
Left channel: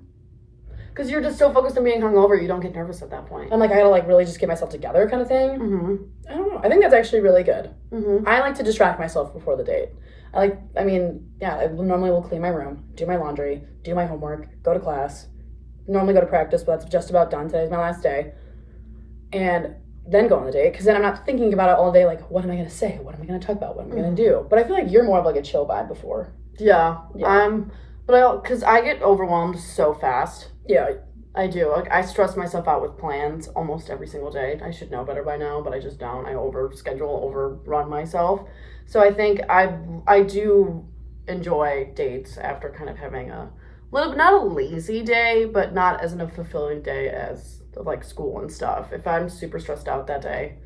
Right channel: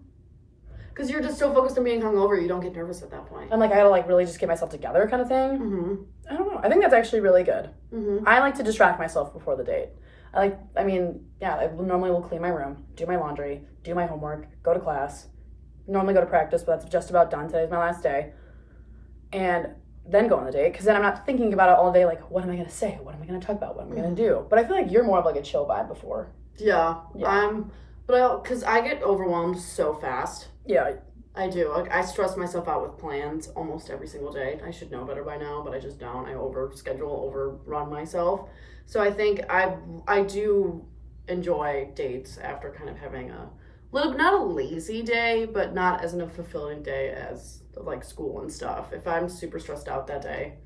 Because you're just so focused on being hungover, you don't get nervous at that point. I'm I gotta really just get myself together kind of thing. Mm-hmm. I don't know. I think that's actually really good. Mm-hmm. I like to distract myself before the date. I normally will clean my room, do my laundry, do my homework, go to class, normally go to practice, but that's just about done. Today's my last day. And then go on the date, because then I'm not thinking about it all day, what am I going to say? What am I going to talk about? What am I going to do? But I feel like you're more of a chill vibe before. Yeah. Because I get overwhelmed so fast. Yeah. I do. I stress myself out with plans almost every single day. I should know better by now, but I just don't. I overrun myself. So I think I do enjoy dates after kind of having a little, not a lazy day, but not as a fulfilling day as school and stuff. If I'm super stressed out that day,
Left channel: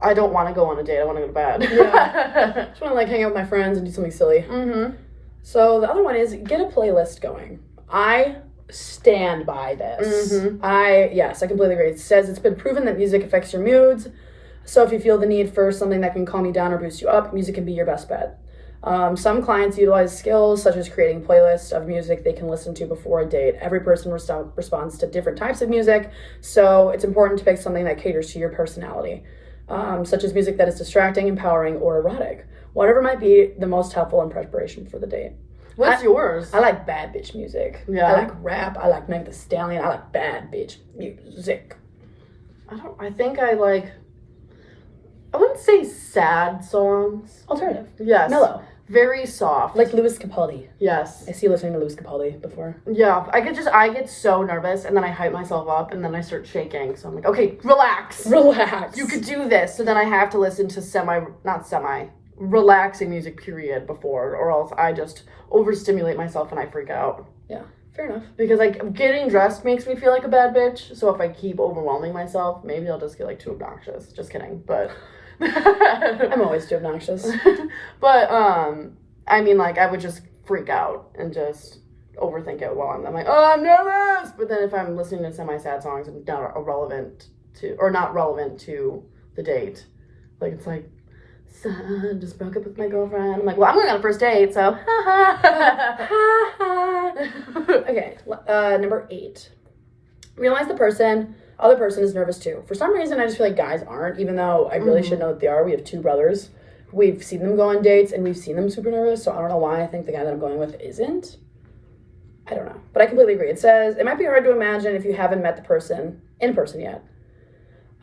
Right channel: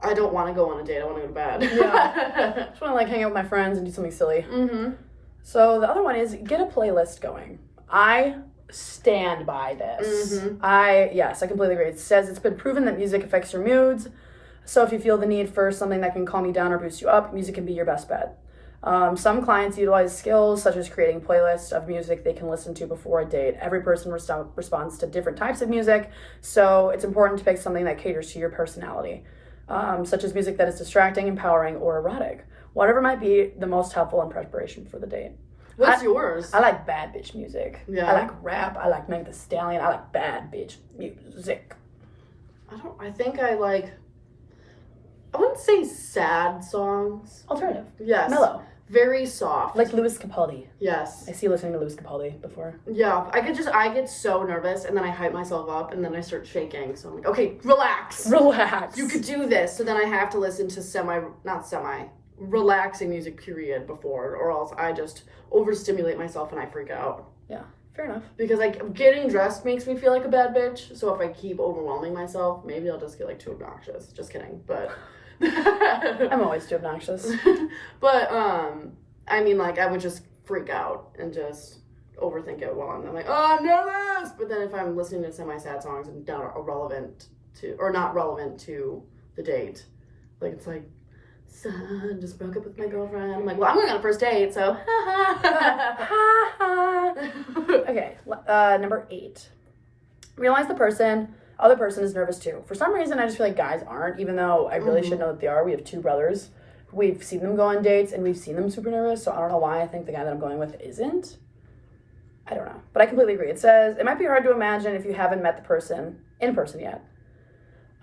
I don't want to go on a date. I want to go to bed. Yeah. I just want to hang out with my friends and do something silly. Mm-hmm. So the other one is get a playlist going. I stand by this. Mm-hmm. I completely agree. It says it's been proven that music affects your moods. So if you feel the need for something that can calm you down or boost you up, music can be your best bet. Some clients utilize skills such as creating playlists of music they can listen to before a date. Every person responds to different types of music, so it's important to pick something that caters to your personality, such as music that is distracting, empowering, or erotic. Whatever might be the most helpful in preparation for the date. What's yours? I like bad bitch music. Yeah. I like rap. I like Meg Thee Stallion. I like bad bitch music. I wouldn't say sad songs. Alternative. Yes. Mellow. Very soft. Like Louis Capaldi. Yes. I see you listening to Louis Capaldi before. Yeah. I get so nervous, and then I hype myself up, and then I start shaking. So I'm like, okay, relax. Relax. You could do this. So then I have to listen to relaxing music period before, or else I just overstimulate myself and I freak out. Yeah. Fair enough. Because getting dressed makes me feel like a bad bitch. So if I keep overwhelming myself, maybe I'll just get too obnoxious. Just kidding. But I'm always too obnoxious. But I would just freak out and just overthink it while I'm like, oh, I'm nervous. But then if I'm listening to semi-sad songs and not relevant to the date, son, just broke up with my girlfriend. I'm like, well, I'm going on a first date, so Okay, number 8. Realize the other person is nervous too. For some reason, I just feel like guys aren't, even though I really should know that they are. We have 2 brothers. We've seen them go on dates, and we've seen them super nervous, so I don't know why I think the guy that I'm going with isn't. I don't know. But I completely agree. It says, it might be hard to imagine if you haven't met the person in person yet.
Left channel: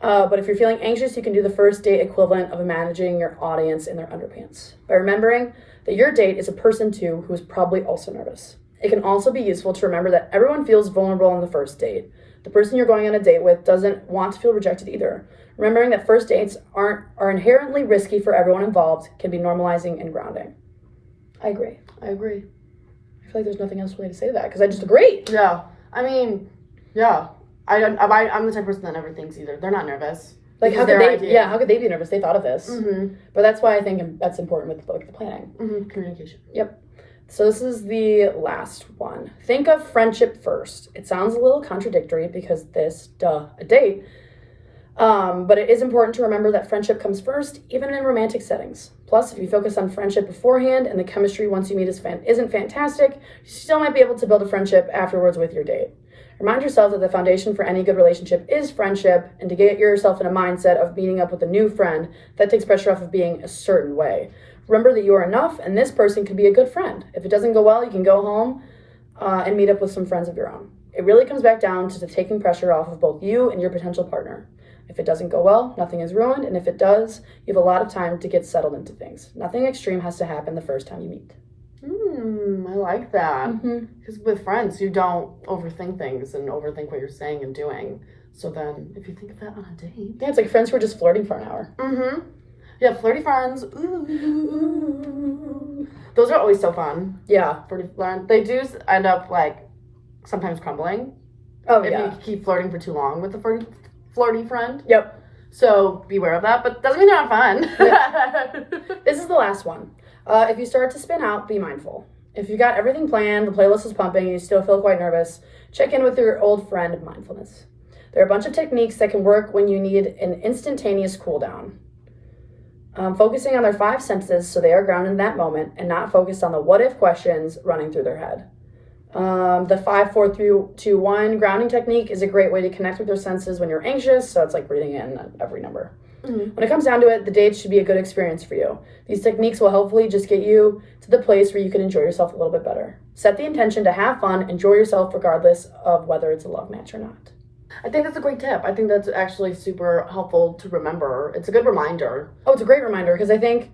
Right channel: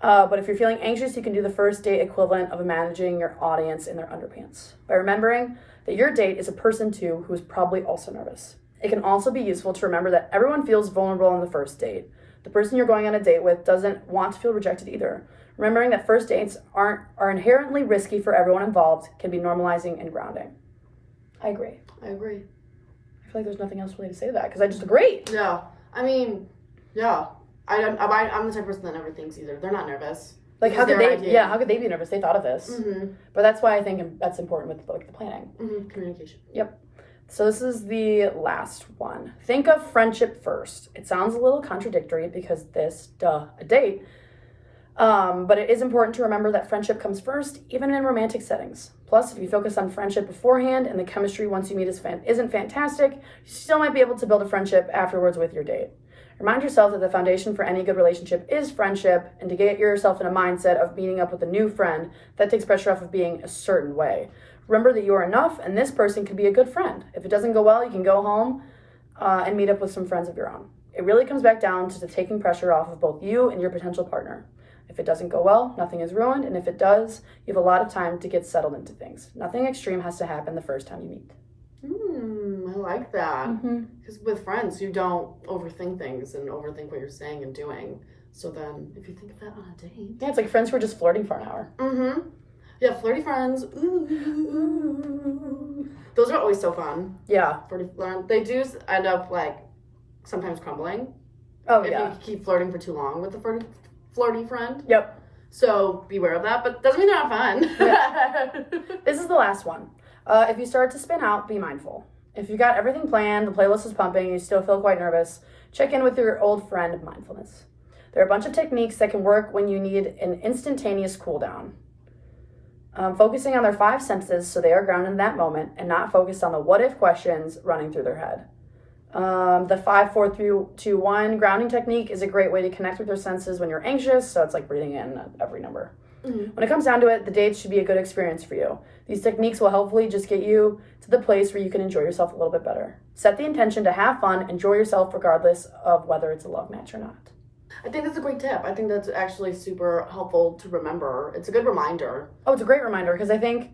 But if you're feeling anxious, you can do the first date equivalent of managing your audience in their underpants by remembering that your date is a person too who is probably also nervous. It can also be useful to remember that everyone feels vulnerable on the first date. The person you're going on a date with doesn't want to feel rejected either. Remembering that first dates are inherently risky for everyone involved can be normalizing and grounding. I agree. I agree. I feel like there's nothing else really to say to that because I just agree. Yeah. I mean, yeah. I'm the type of person that never thinks either. They're not nervous. Like, how could they be nervous? They thought of this. But that's why I think that's important with the planning. Communication. Yep. So this is the last one. Think of friendship first. It sounds a little contradictory because a date. But it is important to remember that friendship comes first, even in romantic settings. Plus, if you focus on friendship beforehand and the chemistry once you meet isn't fantastic, you still might be able to build a friendship afterwards with your date. Remind yourself that the foundation for any good relationship is friendship, and to get yourself in a mindset of meeting up with a new friend, that takes pressure off of being a certain way. Remember that you are enough, and this person can be a good friend. If it doesn't go well, you can go home and meet up with some friends of your own. It really comes back down to taking pressure off of both you and your potential partner. If it doesn't go well, nothing is ruined, and if it does, you have a lot of time to get settled into things. Nothing extreme has to happen the first time you meet. I like that. Because with friends, you don't overthink things and overthink what you're saying and doing. So then, if you think of that on a date... Yeah, it's like friends who are just flirting for an hour. Yeah, flirty friends. Ooh. Those are always so fun. Yeah. They do end up, like, sometimes crumbling. Oh, if you keep flirting for too long with a flirty friend. Yep. So beware of that, but doesn't mean they're not fun. Yeah. This is the last one. If you start to spin out, be mindful. If you got everything planned, the playlist is pumping, and you still feel quite nervous, check in with your old friend of mindfulness. There are a bunch of techniques that can work when you need an instantaneous cool down. Focusing on their 5 senses so they are grounded in that moment and not focused on the what-if questions running through their head. The 5, 4, 3, 2, 1 grounding technique is a great way to connect with your senses when you're anxious, so it's like breathing in every number. When it comes down to it, the date should be a good experience for you. These techniques will hopefully just get you to the place where you can enjoy yourself a little bit better. Set the intention to have fun, enjoy yourself regardless of whether it's a love match or not. I think that's a great tip. I think that's actually super helpful to remember. It's a good reminder. Oh, it's a great reminder because I think,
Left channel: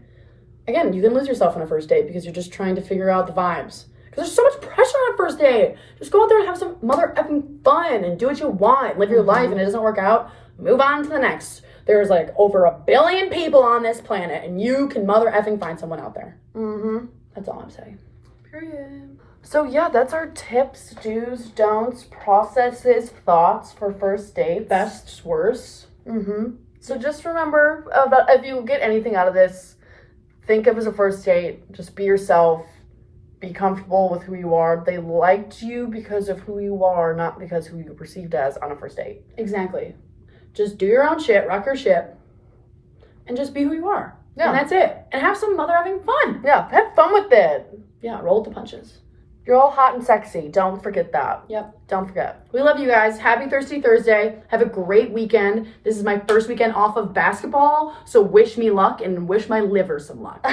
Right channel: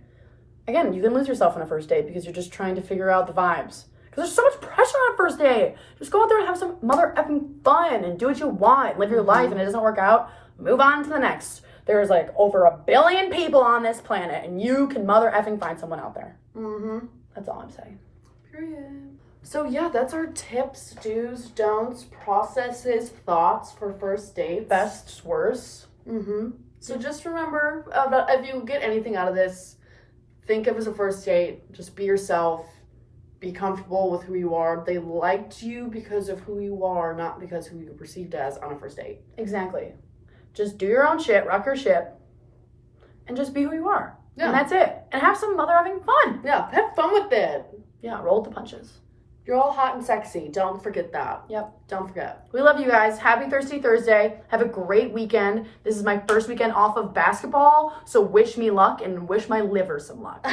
again, you can lose yourself on a first date because you're just trying to figure out the vibes. Because there's so much pressure on a first date. Just go out there and have some mother effing fun and do what you want. Live your life, and it doesn't work out, move on to the next. There's like over 1 billion people on this planet, and you can mother effing find someone out there. That's all I'm saying. Period. So yeah, that's our tips, do's, don'ts, processes, thoughts for first dates. Best, worst. So just remember, if you get anything out of this, think of it as a first date. Just be yourself. Be comfortable with who you are. They liked you because of who you are, not because who you're perceived as on a first date. Exactly. Just do your own shit, rock your shit, and just be who you are. Yeah. And that's it. And have some mother having fun. Yeah, have fun with it. Yeah, roll with the punches. You're all hot and sexy. Don't forget that. Yep. Don't forget. We love you guys. Happy Thirsty Thursday. Have a great weekend. This is my first weekend off of basketball, so wish me luck and wish my liver some luck.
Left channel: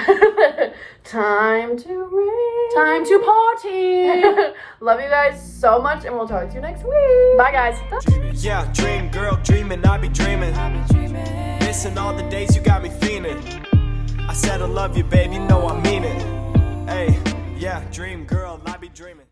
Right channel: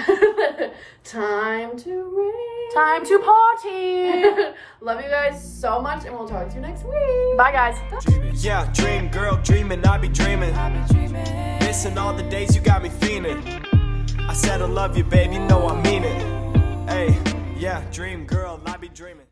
Time to ring. Time to party. Love you guys so much, and we'll talk to you next week. Bye, guys. Yeah, dream girl, dreaming, I be dreaming. Missing all the days you got me fiending. I said I love you, babe, you know I mean it. Hey, yeah, dream girl, I be dreaming.